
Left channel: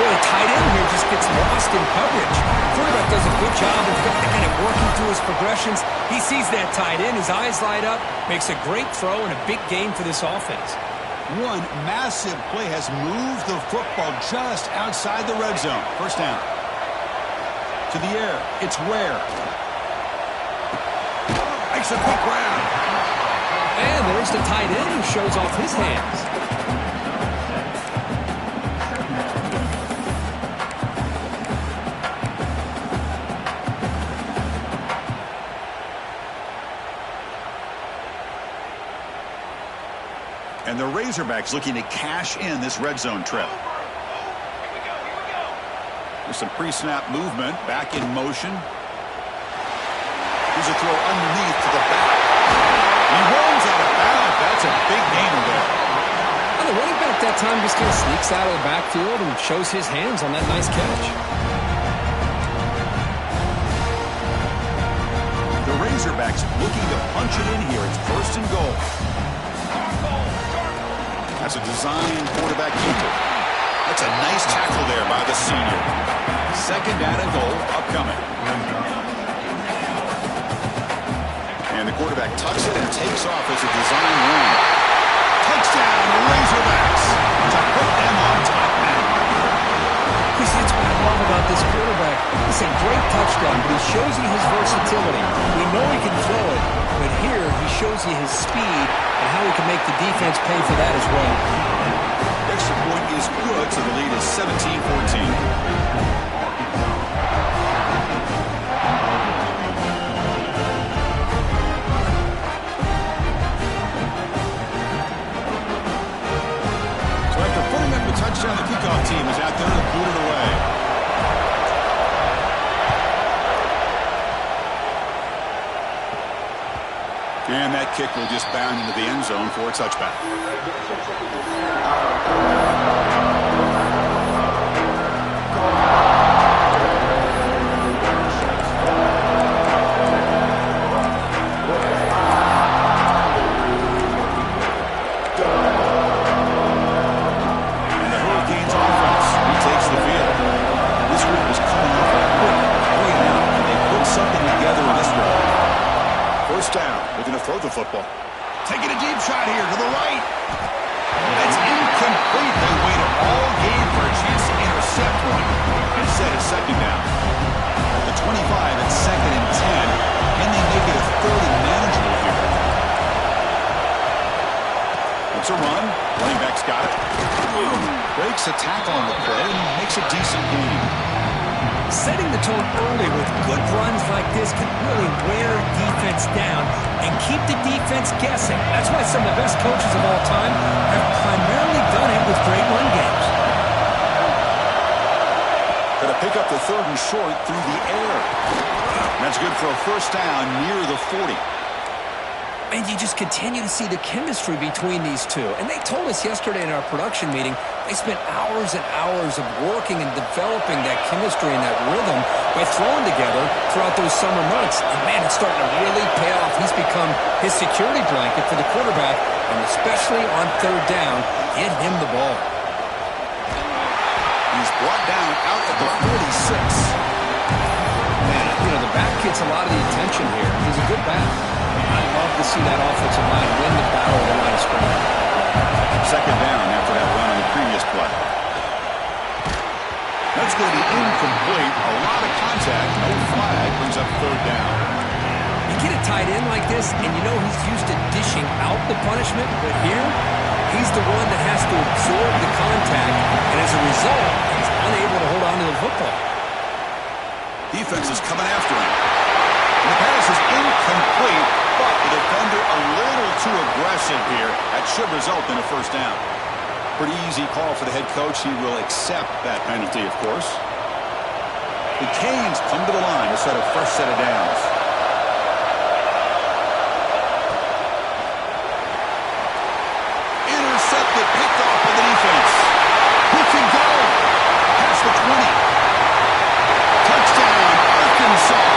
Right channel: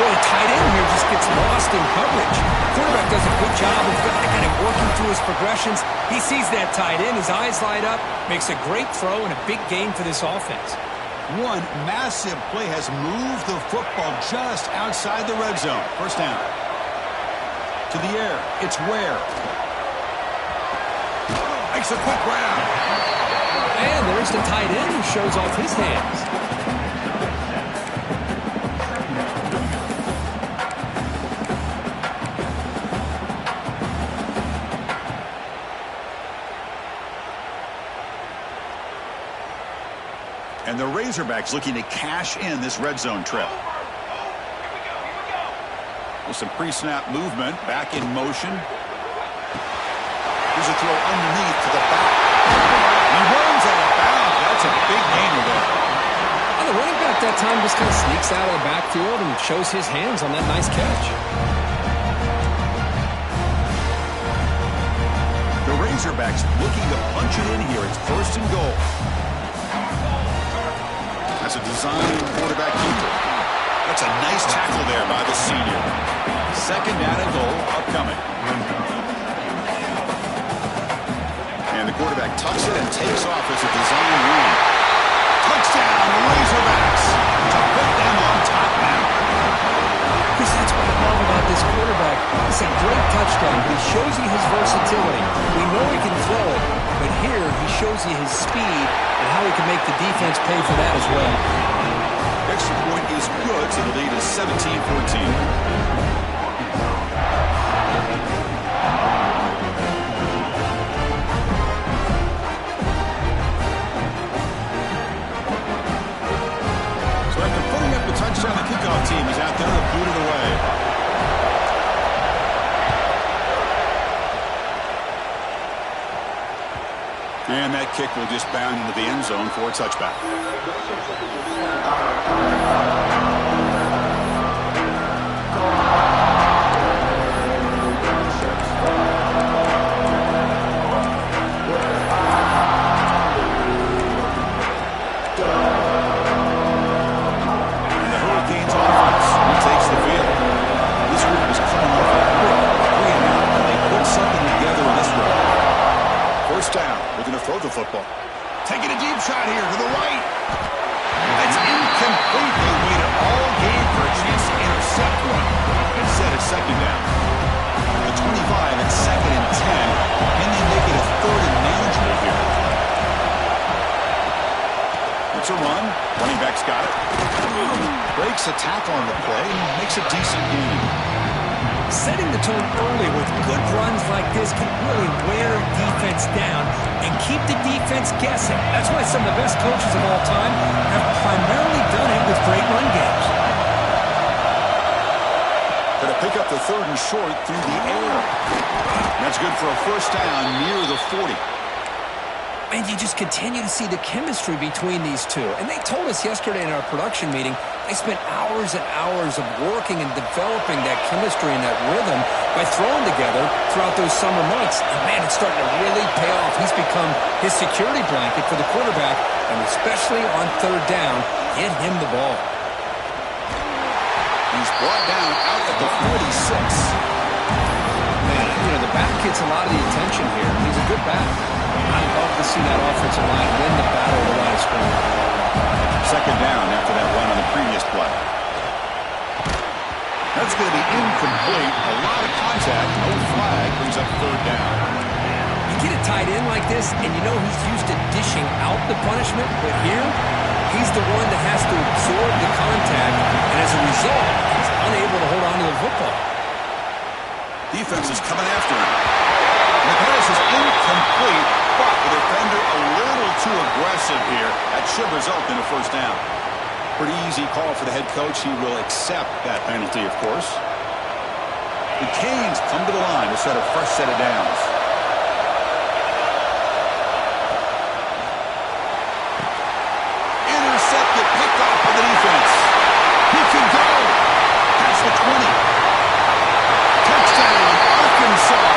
Boy, a tight end here just gets lost in coverage. Quarterback does a good job of kind of working through his progressions. He sees that tight end, his eyes light up, makes a great throw and a big gain for this offense. One massive play has moved the football just outside the red zone. First down. To the air. It's Ware. Makes a quick grab. And there's the tight end who shows off his hands. And the Razorbacks looking to cash in this red zone trip. Here we go. With some pre-snap movement, back in motion. Here's a throw underneath to the back. He runs out of bounds. That's a big gainer there. And the running back that time just kind of sneaks out of the backfield and shows his hands on that nice catch. The Razorbacks looking to punch it in here. It's first and goal. That's a design quarterback keeper. That's a nice tackle there by the senior. Second down and goal upcoming. And the quarterback tucks it and takes off as a design run. Touchdown, Razorbacks, to put them on top now. Chris, that's what I love about this quarterback. It's a great touchdown, but he shows you his versatility. We know he can throw it, but here he shows you his speed and how he can make the defense pay for that as well. Extra point is good, so the lead is 17-14. The touchdown, the kickoff team is out there to boot it away. And that kick will just bound into the end zone for a touchback. First down. They're going to throw the football. Taking a deep shot here to the right. That's incomplete. They waited all game for a chance to intercept one. Instead, it's second down. At the 25, it's second and 10. Can they make it a third and manageable here? It's a run. Running back's got it. Breaks a tackle on the play and makes a decent gain. Setting the tone early with good runs like this can really wear a defense down and keep the defense guessing. That's why some of the best coaches of all time have primarily done it with great run games. Going to pick up the third and short through the air. That's good for a first down near the 40. And you just continue to see the chemistry between these two. And they told us yesterday in our production meeting, they spent hours and hours of working and developing that chemistry and that rhythm by throwing together throughout those summer months. And, man, it's starting to really pay off. He's become his security blanket for the quarterback, and especially on third down, get him the ball. He's brought down out at the 46. Man, you know, the back gets a lot of the attention here. He's a good back. I love to see that offensive line win the battle of the line of scrimmage. Second down after that run on the previous play. That's going to be incomplete. A lot of contact. No flag brings up third down. You get a tight end like this, and you know he's used to dishing out the punishment, but here, he's the one that has to absorb the contact, and as a result, he's unable to hold on to the football. Defense is coming after him. And the pass is incomplete, but the defender a little too aggressive here. That should result in a first down. Pretty easy call for the head coach. He will accept that penalty, of course. The Canes come to the line to set a fresh set of downs. Intercepted, picked off by the defense. He can go. Past the 20. Touchdown, Arkansas.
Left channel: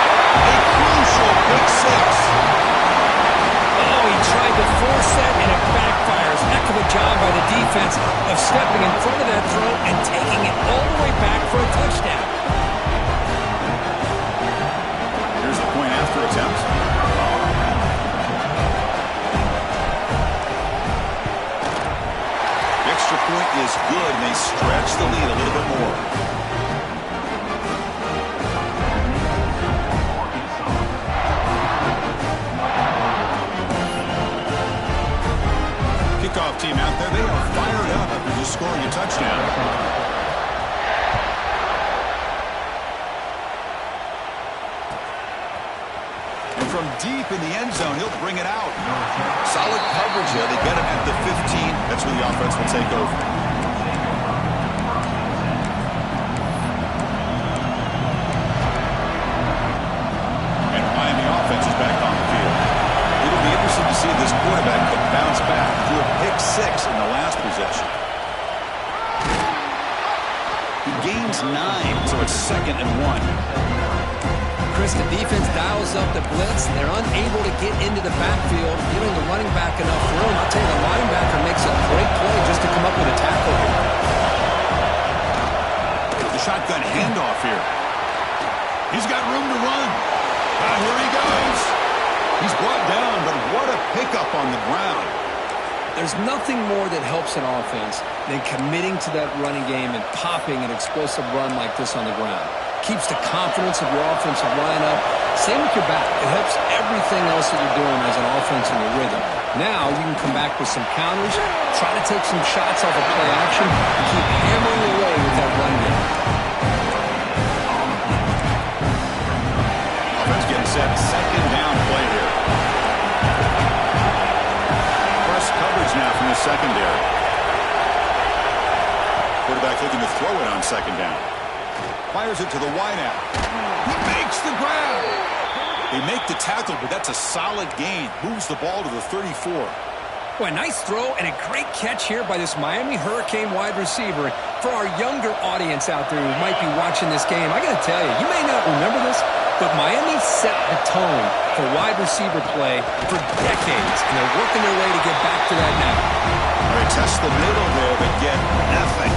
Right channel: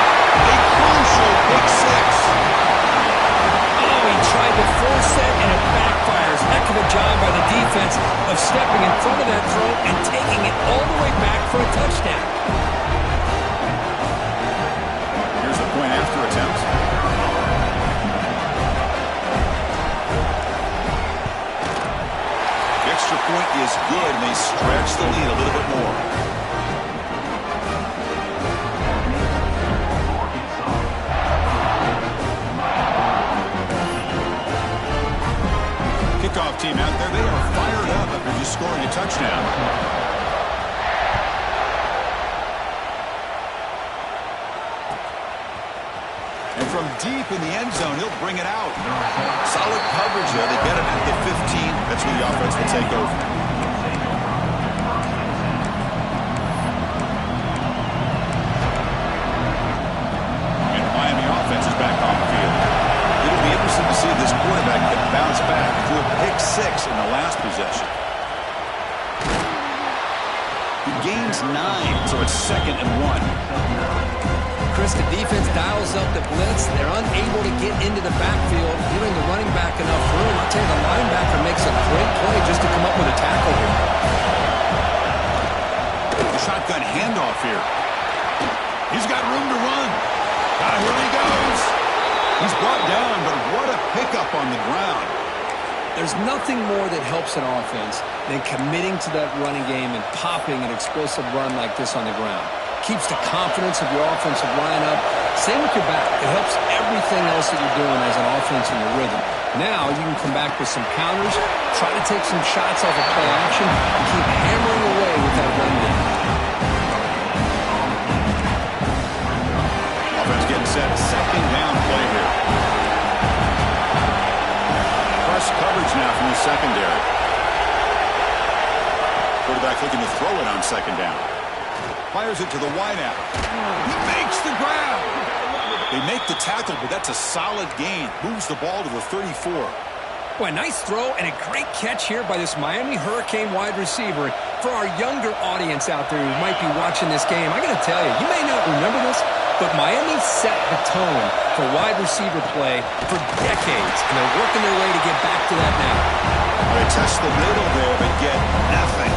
A crucial pick six. Oh, he tried to force it, and it backfires. Heck of a job by the defense of stepping in front of that throw and taking it all the way back for a touchdown. Here's the point after attempt. The extra point is good, and they stretch the lead a little bit more. Kickoff team out there, they are fired up after just scoring a touchdown. And from deep in the end zone, he'll bring it out. Solid coverage there. They get him at the 15. That's where the offense will take over. And the Miami offense is back on the field. It'll be interesting to see if this quarterback can bounce back. He threw a pick six in the last possession. He gains 9, so it's 2nd and 1. Chris, the defense dials up the blitz. They're unable to get into the backfield, giving the running back enough room. I'll tell you, the linebacker makes a great play just to come up with a tackle here. The shotgun handoff here. He's got room to run. Here he goes. He's brought down, but what a pickup on the ground. There's nothing more that helps an offense than committing to that running game and popping an explosive run like this on the ground. Keeps the confidence of your offensive lineup. Same with your back. It helps everything else that you're doing as an offense in your rhythm. Now you can come back with some counters, try to take some shots off of play action, and keep hammering away with that run game. Offense getting set. 2nd down play here. Press coverage now from the secondary. Quarterback looking to throw it on 2nd down. Fires it to the wideout. He makes the grab. They make the tackle, but that's a solid gain. Moves the ball to the 34. Boy, nice throw and a great catch here by this Miami Hurricane wide receiver. For our younger audience out there who might be watching this game, I got to tell you, you may not remember this, but Miami set the tone for wide receiver play for decades, and they're working their way to get back to that now. They test the middle there, but get nothing.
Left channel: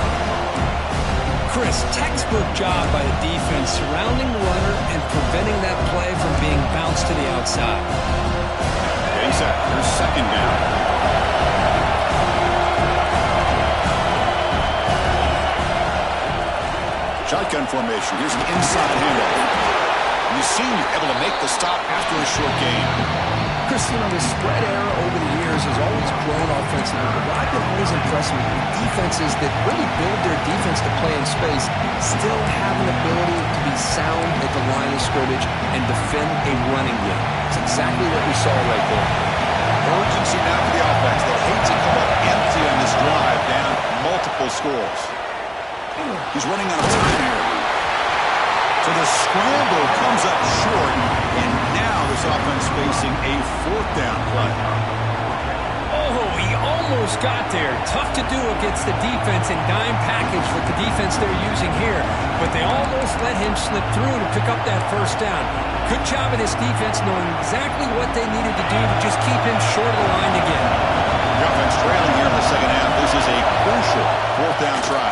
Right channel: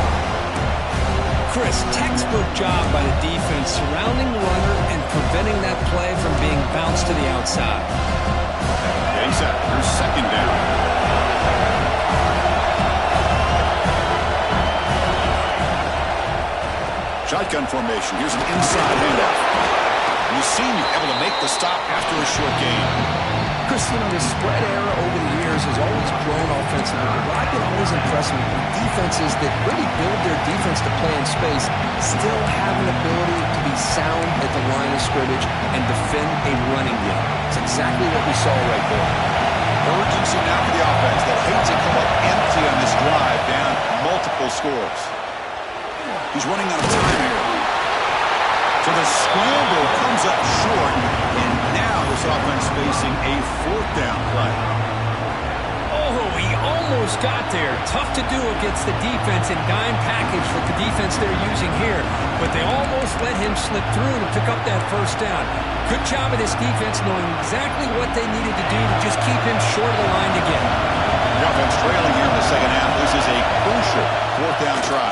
Chris, textbook job by the defense surrounding the runner and preventing that play from being bounced to the outside. Getting set. Here's 2nd down. Shotgun formation. Here's an inside handoff. And the senior able to make the stop after a short gain. Chris, you know, the spread era over the years has always grown offensively, but what I've been always impressed with defenses that really build their defense to play in space still have an ability to be sound at the line of scrimmage and defend a running game. It's exactly what we saw right there. Urgency now for the offense. They hate to come up empty on this drive, down multiple scores. He's running out of time here. So the scramble comes up short, and now this offense facing a 4th down play. Oh, he almost got there. Tough to do against the defense in dime package with the defense they're using here, but they almost let him slip through to pick up that 1st down. Good job of this defense knowing exactly what they needed to do to just keep him short of the line to get. The offense trailing here in the 2nd half. This is a crucial 4th down try.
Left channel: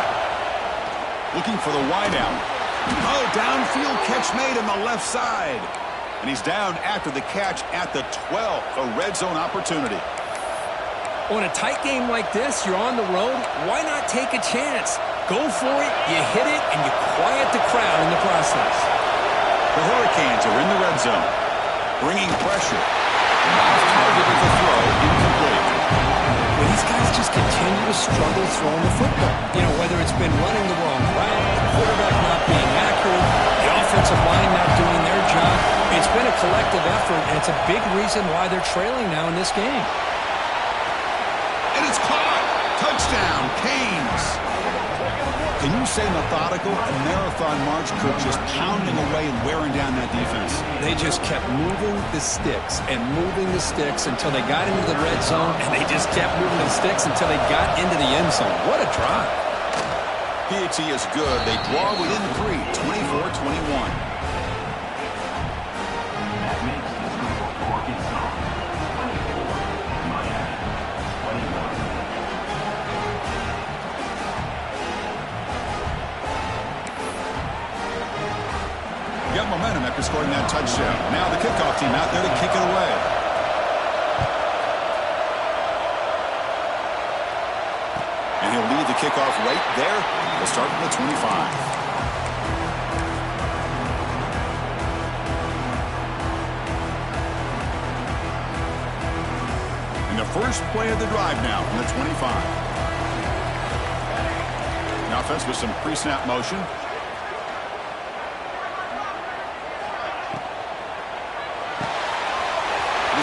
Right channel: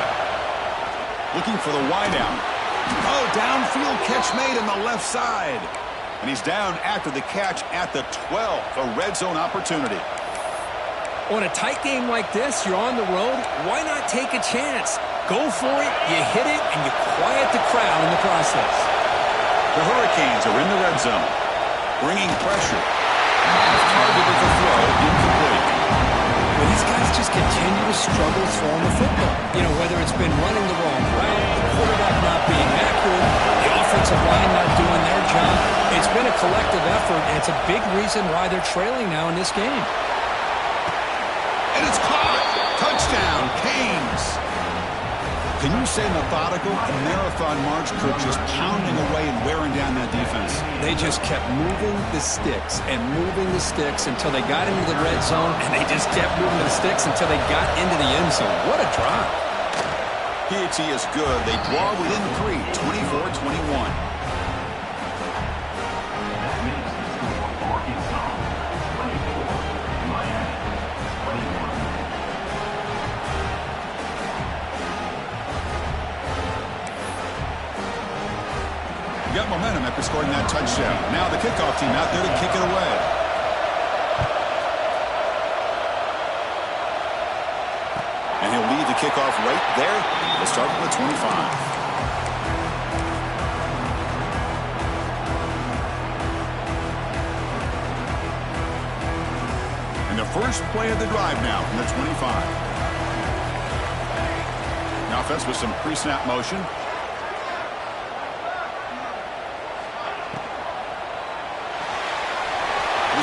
Looking for the wideout. Oh, downfield catch made on the left side. And he's down after the catch at the 12. A red zone opportunity. On a tight game like this, you're on the road. Why not take a chance? Go for it, you hit it, and you quiet the crowd in the process. The Hurricanes are in the red zone. Bringing pressure. Off target with the throw. Incomplete. Well, these guys just continue to struggle throwing the football. You know, whether it's been running the wrong route, the quarterback not being accurate, the offensive line not doing their job. It's been a collective effort, and it's a big reason why they're trailing now in this game. And it's caught. Touchdown, Canes. Can you say methodical? A marathon march, Kirk, just pounding away and wearing down that defense. They just kept moving the sticks and moving the sticks until they got into the red zone, and they just kept moving the sticks until they got into the end zone. What a drive. Piety is good. They draw within 3, 24-21. That makes the score for Arkansas 24, Miami 21. Got momentum after scoring that touchdown. Now the kickoff team out there to kick it away. And he'll lead the kickoff right there. We'll start from the 25. And the first play of the drive now from the 25. The offense with some pre-snap motion.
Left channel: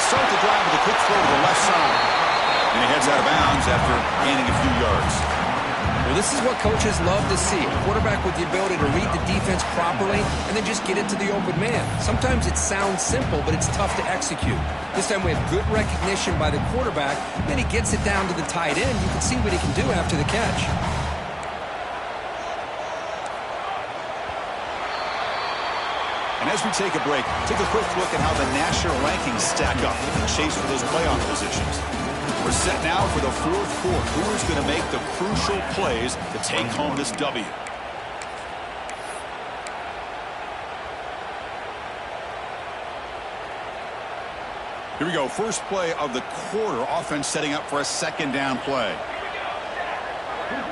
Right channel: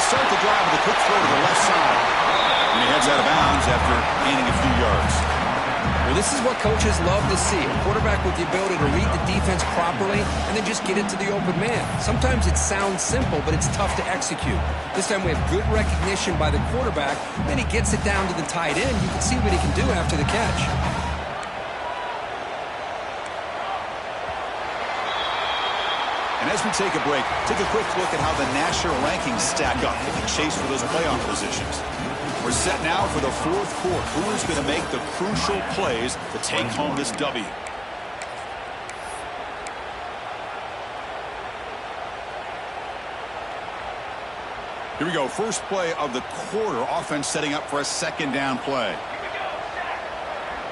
Start the drive with a quick throw to the left side. And he heads out of bounds after gaining a few yards. Well, this is what coaches love to see. A quarterback with the ability to read the defense properly and then just get it to the open man. Sometimes it sounds simple, but it's tough to execute. This time we have good recognition by the quarterback. Then he gets it down to the tight end. You can see what he can do after the catch. And as we take a break, take a quick look at how the national rankings stack up in the chase for those playoff positions. We're set now for the fourth quarter. Who is going to make the crucial plays to take home this W? Here we go. First play of the quarter. Offense setting up for a second down play.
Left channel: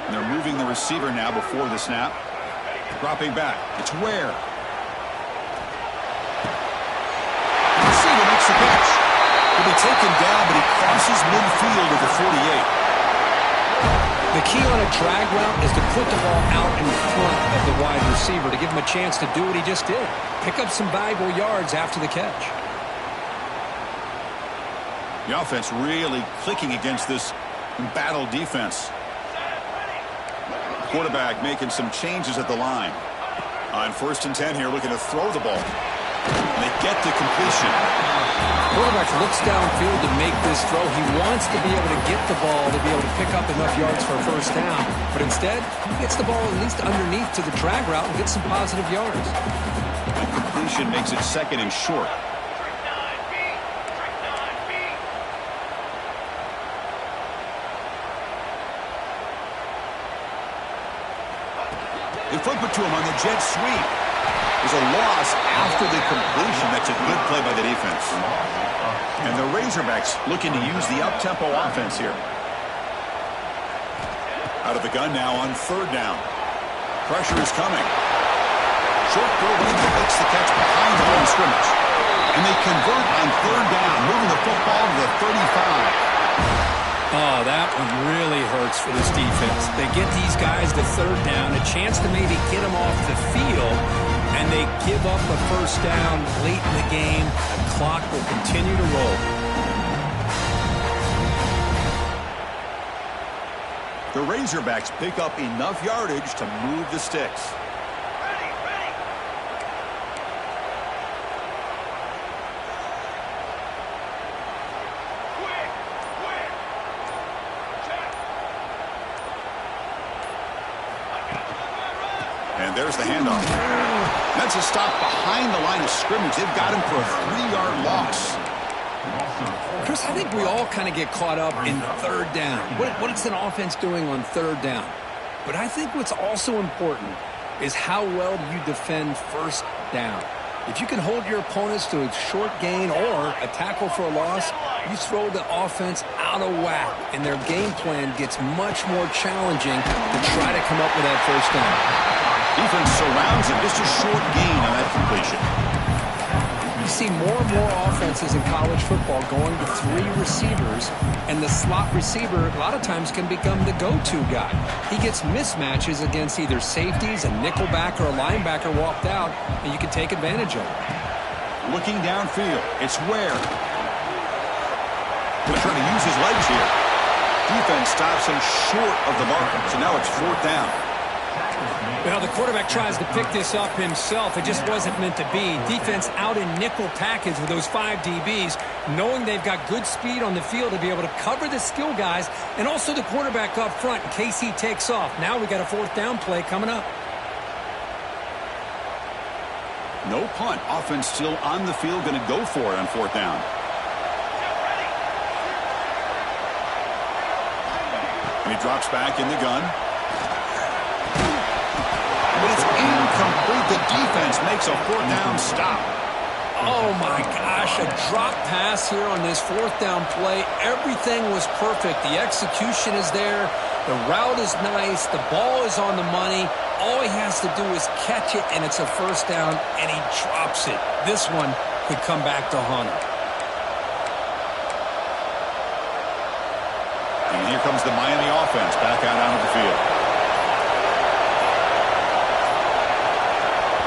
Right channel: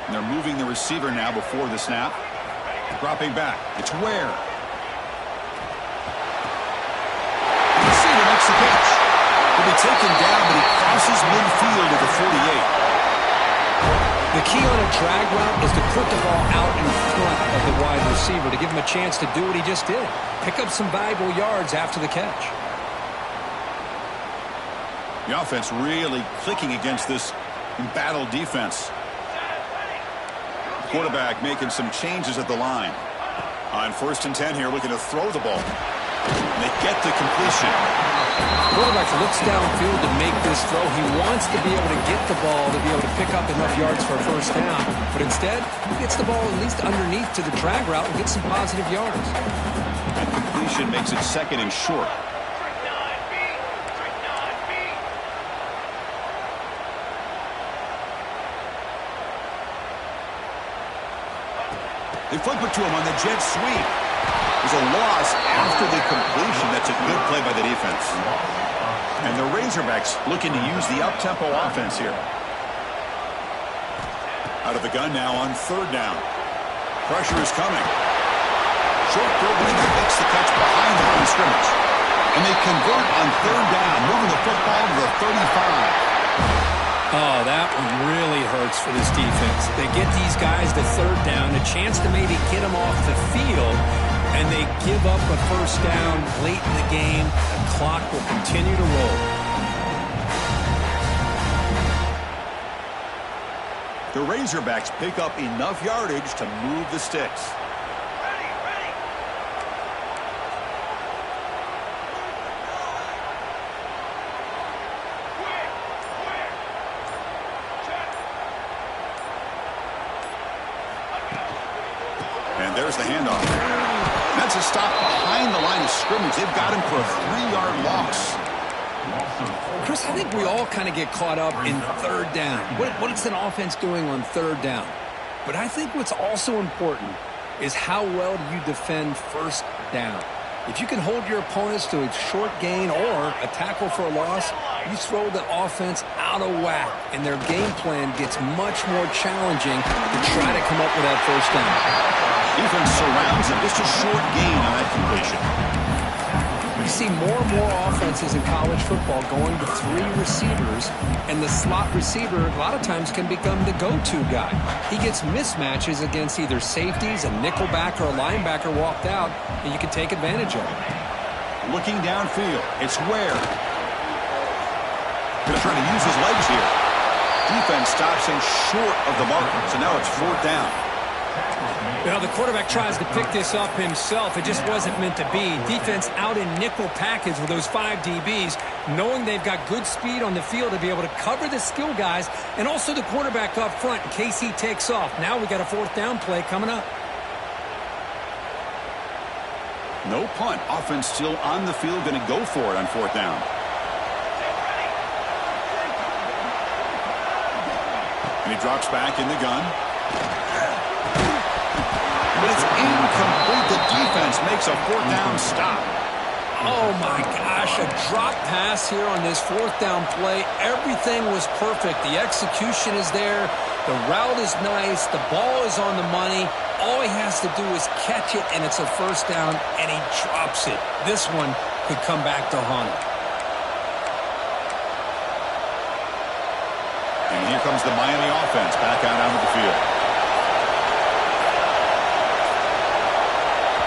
And they're moving the receiver now before the snap. Dropping back. It's Ware. Makes the catch. He'll be taken down, but he crosses midfield at the 48. The key on a drag route is to put the ball out in front of the wide receiver to give him a chance to do what he just did. Pick up some valuable yards after the catch. The offense really clicking against this embattled defense. Quarterback making some changes at the line. On 1st and 10 here, looking to throw the ball. And they get the completion. Quarterback looks downfield to make this throw. He wants to be able to get the ball to be able to pick up enough yards for a first down. But instead, he gets the ball at least underneath to the drag route and gets some positive yards. That completion makes it 2nd and short. Trick 9B. Trick 9B. They flip it to him on the jet sweep. There's a loss after the completion. That's a good play by the defense. And the Razorbacks looking to use the up-tempo offense here. Out of the gun now on 3rd down. Pressure is coming. Short throw, running back makes the catch behind the line of scrimmage. And they convert on 3rd down, moving the football to the 35. Oh, that one really hurts for this defense. They get these guys to 3rd down, a chance to maybe get them off the field, and they give up a first down late in the game. The clock will continue to roll. The Razorbacks pick up enough yardage to move the sticks. Ready, ready. Quick, quick. Check. And there's the handoff. That's a stop behind the line of scrimmage. They've got him for a 3-yard loss. Chris, I think we all kind of get caught up in 3rd down. What is an offense doing on 3rd down? But I think what's also important is how well do you defend 1st down. If you can hold your opponents to a short gain or a tackle for a loss, you throw the offense out of whack, and their game plan gets much more challenging to try to come up with that 1st down. Defense surrounds him. Just a short gain on that completion. You see more and more offenses in college football going to 3 receivers, and the slot receiver a lot of times can become the go-to guy. He gets mismatches against either safeties, a nickelbacker, or a linebacker walked out, and you can take advantage of it. Looking downfield, it's Ware. Going to try to use his legs here. defense stops him short of the marker. So now it's 4th down. You know, the quarterback tries to pick this up himself. It just wasn't meant to be. Defense out in nickel package with those 5 DBs, knowing they've got good speed on the field to be able to cover the skill guys and also the quarterback up front in case he takes off. Now we got a 4th down play coming up. No punt. Offense still on the field, going to go for it on 4th down. And he drops back in the gun. But it's incomplete. The defense makes a 4th down stop. Oh, my gosh. A drop pass here on this 4th down play. Everything was perfect. The execution is there. The route is nice. The ball is on the money. All he has to do is catch it, and it's a 1st down, and he drops it. This one could come back to haunt him. And here comes the Miami offense back out onto the field.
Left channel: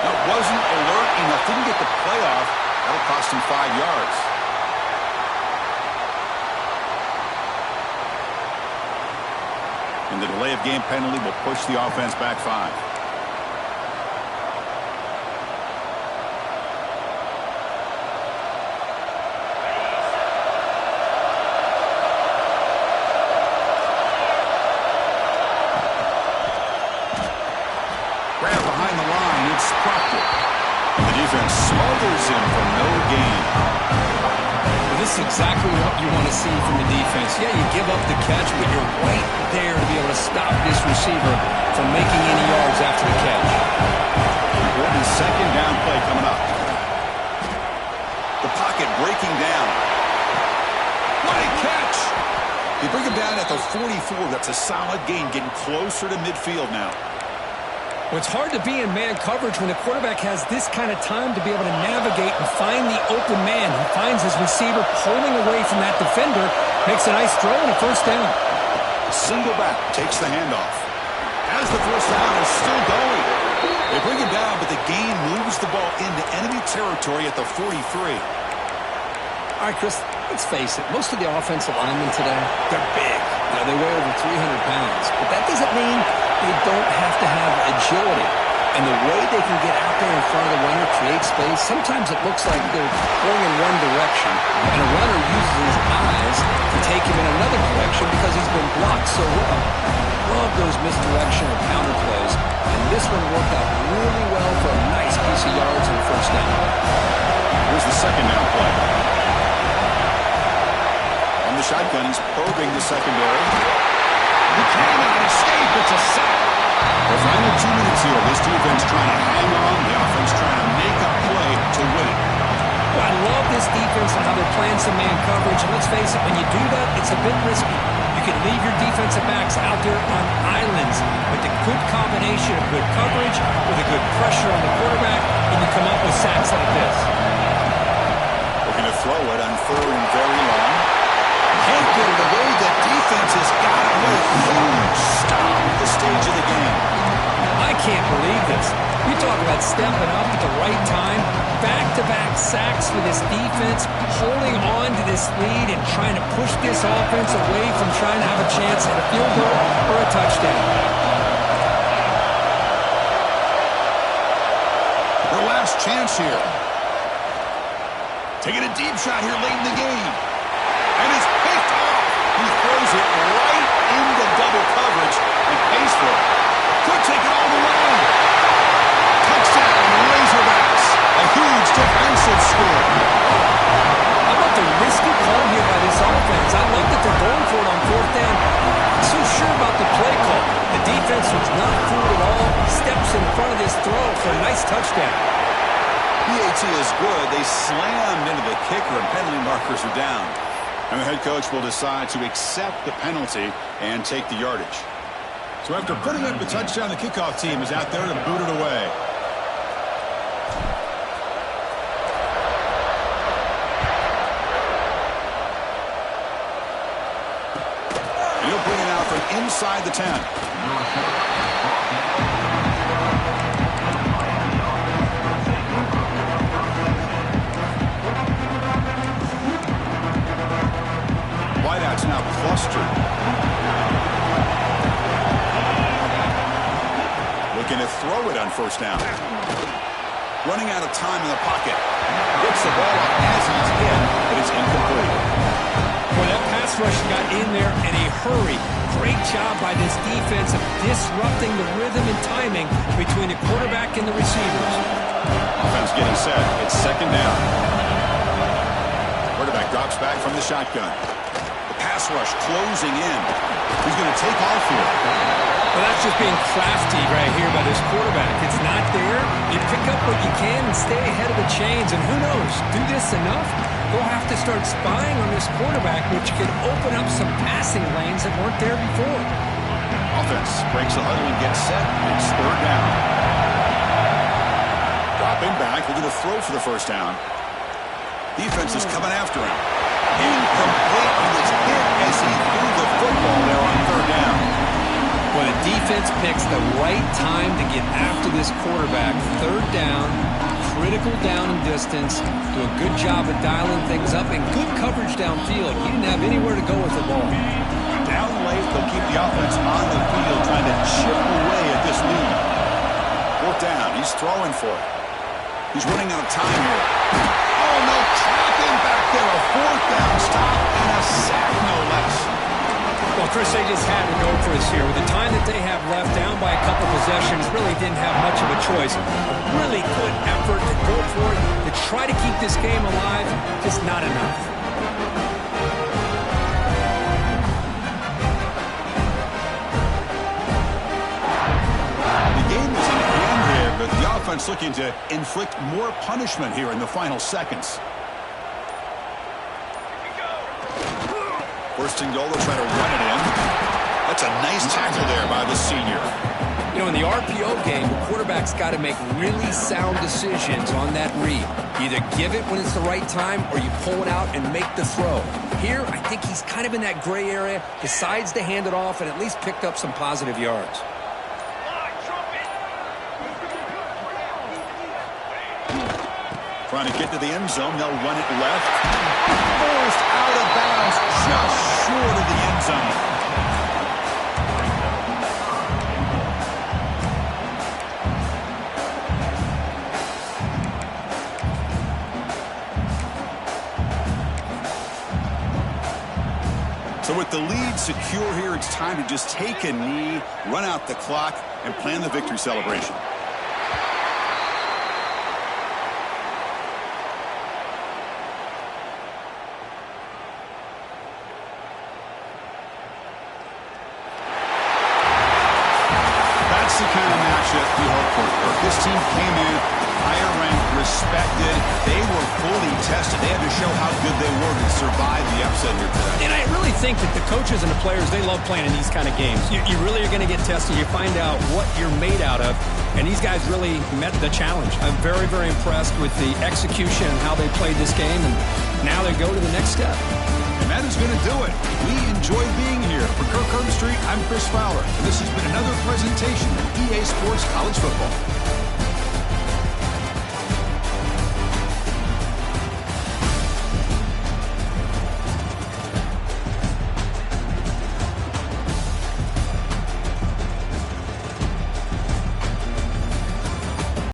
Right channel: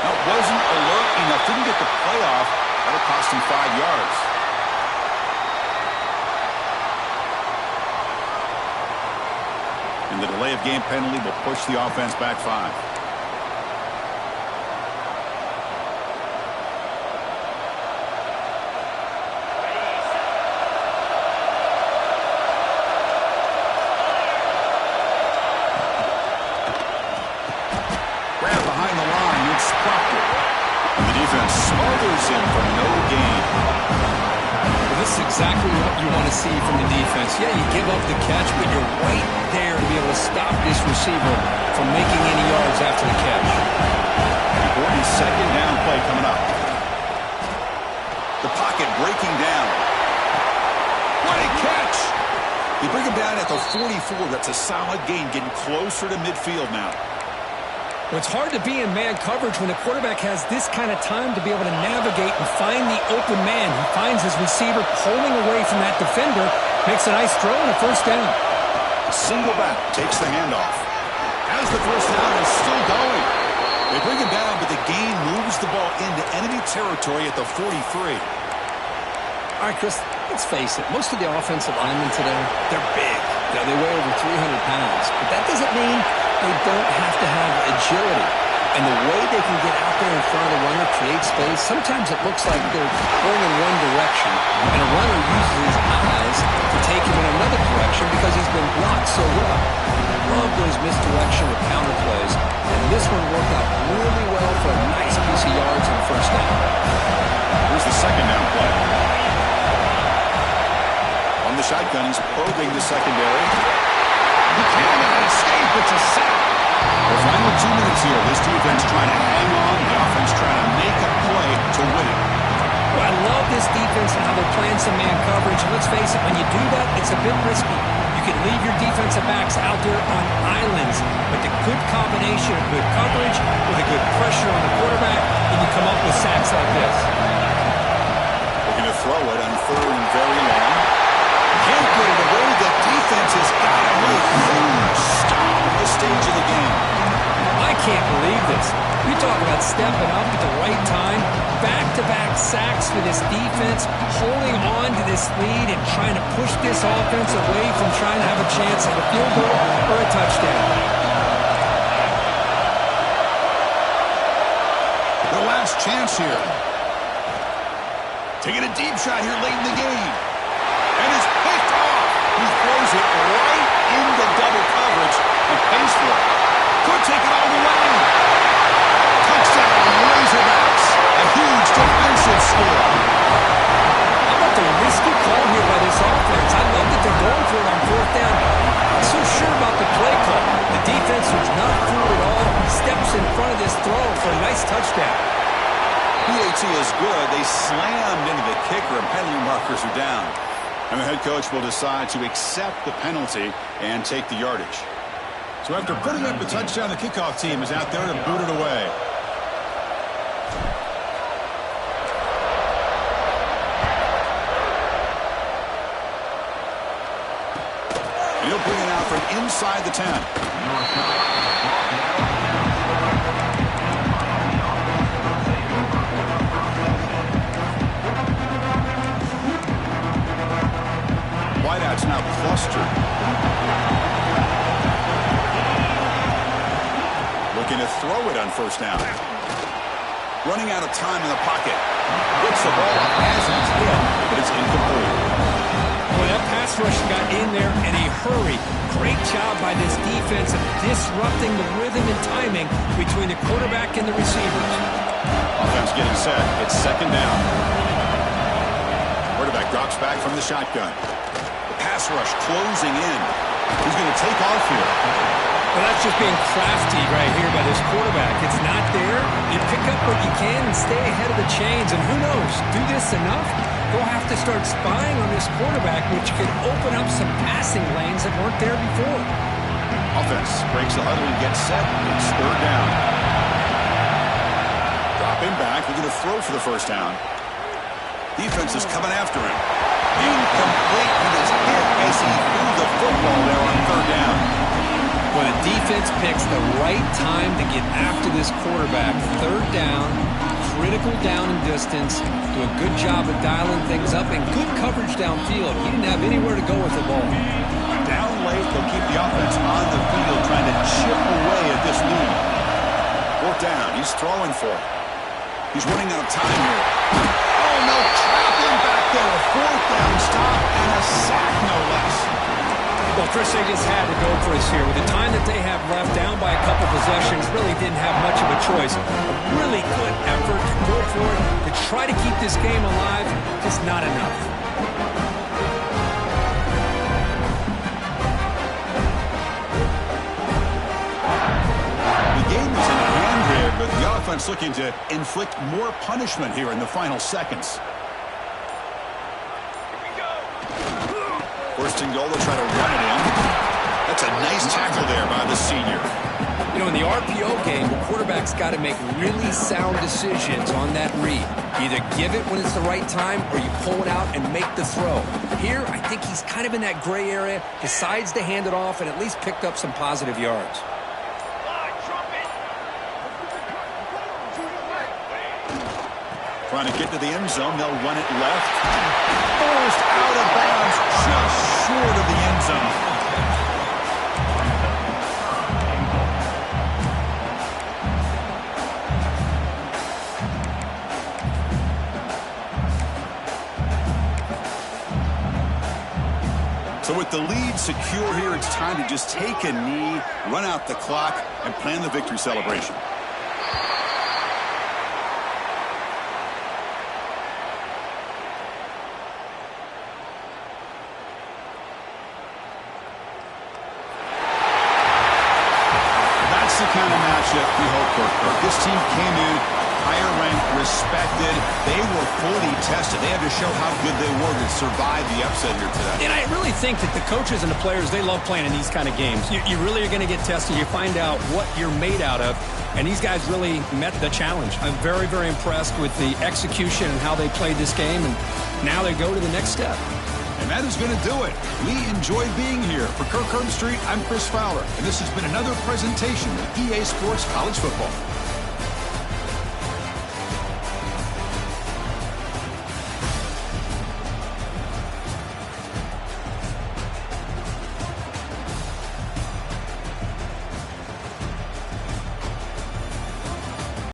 Now, wasn't alert enough. Didn't get the play off. That'll cost him 5 yards. And the delay of game penalty will push the offense back 5. Grab behind the line. It's Proctor. And the defense smothers him for no gain. Well, this is exactly what you want to see from the defense. Yeah, you give up the catch, but you're right there to be able to stop this receiver from making any yards after the catch. Important 2nd down play coming up. The pocket breaking down. What a catch! They bring him down at the 44. That's a solid gain, getting closer to midfield now. Well, it's hard to be in man coverage when the quarterback has this kind of time to be able to navigate and find the open man. He finds his receiver pulling away from that defender, makes a nice throw and a 1st down. Single back, takes the handoff. As the 1st down is still going. They bring him down, but the gain moves the ball into enemy territory at the 43. All right, Chris, let's face it. Most of the offensive linemen today, they're big. You know, they weigh over 300 pounds. But that doesn't mean they don't have to have agility. And the way they can get out there in front of the runner, create space, sometimes it looks like they're going in one direction, and a runner uses his eyes to take him in another direction because he's been blocked so well. Love those misdirection or counter plays, and this one worked out really well for a nice piece of yards and 1st down. Here's the 2nd down play. On the shotgun, he's probing the secondary. He cannot escape. It's a sack. The final 2 minutes here. This defense trying to hang on. The offense trying to make a play to win it. Well, I love this defense and how they're playing some man coverage. And let's face it, when you do that, it's a bit risky. You can leave your defensive backs out there on islands. But the good combination of good coverage with a good pressure on the quarterback, and you come up with sacks like this. Looking to throw it on 3rd and very long. Can't get it away. The defense has got away. Huge stop at this stage of the game. I can't believe this. You talk about stepping up at the right time. Back-to-back sacks for this defense, holding on to this lead and trying to push this offense away from trying to have a chance at a field goal or a touchdown. Their last chance here. Taking a deep shot here late in the game. And it's picked off. He throws it right into double coverage and pays for it. Could take it all the way. Touchdown, Razorbacks. A huge defensive score. How about the risky call here by this offense? I love that they're going for it on 4th down. Not so sure about the play call. The defense was not fooled at all. Steps in front of this throw for a nice touchdown. PAT is good. They slammed into the kicker and penalty markers are down. And the head coach will decide to accept the penalty and take the yardage. So after putting up the touchdown, the kickoff team is out there to boot it away. And he'll bring it out from inside the 10. Wideouts now clustered it on first down. Running out of time in the pocket. Gets the ball up as he's hit, but it's incomplete. Well, that pass rush got in there in a hurry. Great job by this defense of disrupting the rhythm and timing between the quarterback and the receivers. Offense getting set. It's second down. Quarterback drops back from the shotgun. The pass rush closing in. He's going to take off here. Well, that's just being crafty right here by this quarterback. It's not there. You pick up what you can and stay ahead of the chains. And who knows, do this enough, they'll have to start spying on this quarterback, which could open up some passing lanes that weren't there before. Offense breaks the huddle and gets set. It's third down. Dropping back. They're going to throw for the first down. Defense is coming after him. Incomplete. He was hit as he threw the football there on third down. Well, the defense picks the right time to get after this quarterback. Third down, critical down and distance. Do a good job of dialing things up and good coverage downfield. He didn't have anywhere to go with the ball. Down late, they'll keep the offense on the field trying to chip away at this lead. Fourth down. He's throwing for it. He's running out of time here. Oh, no, trap him back there. A fourth down stop and a sack, no less. Well, Chris, they just had to go for us here. With the time that they have left, down by a couple possessions, really didn't have much of a choice. A really good effort to go for it, to try to keep this game alive, just not enough. The game is in hand here, but the offense looking to inflict more punishment here in the final seconds. First and goal, they'll try to run it in. That's a nice tackle there by the senior. You know, in the RPO game, the quarterback's got to make really sound decisions on that read. Either give it when it's the right time or you pull it out and make the throw. Here, I think he's kind of in that gray area, decides to hand it off and at least picked up some positive yards. Trying to get to the end zone. They'll run it left. Forced out of bounds just short of the end zone. So with the lead secure here, it's time to just take a knee, run out the clock, and plan the victory celebration. That's the kind of matchup we hope for, Kirk. This team came in higher ranked, respected. They were fully tested. They had to show how good they were to survive the upset here today. And I really think that the coaches and the players, they love playing in these kind of games. You really are going to get tested. You find out what you're made out of. And these guys really met the challenge. I'm very, very impressed with the execution and how they played this game. And now they go to the next step. And that is going to do it. We enjoyed being here. For Kirk Herbstreit, I'm Chris Fowler. And this has been another presentation of EA Sports College Football.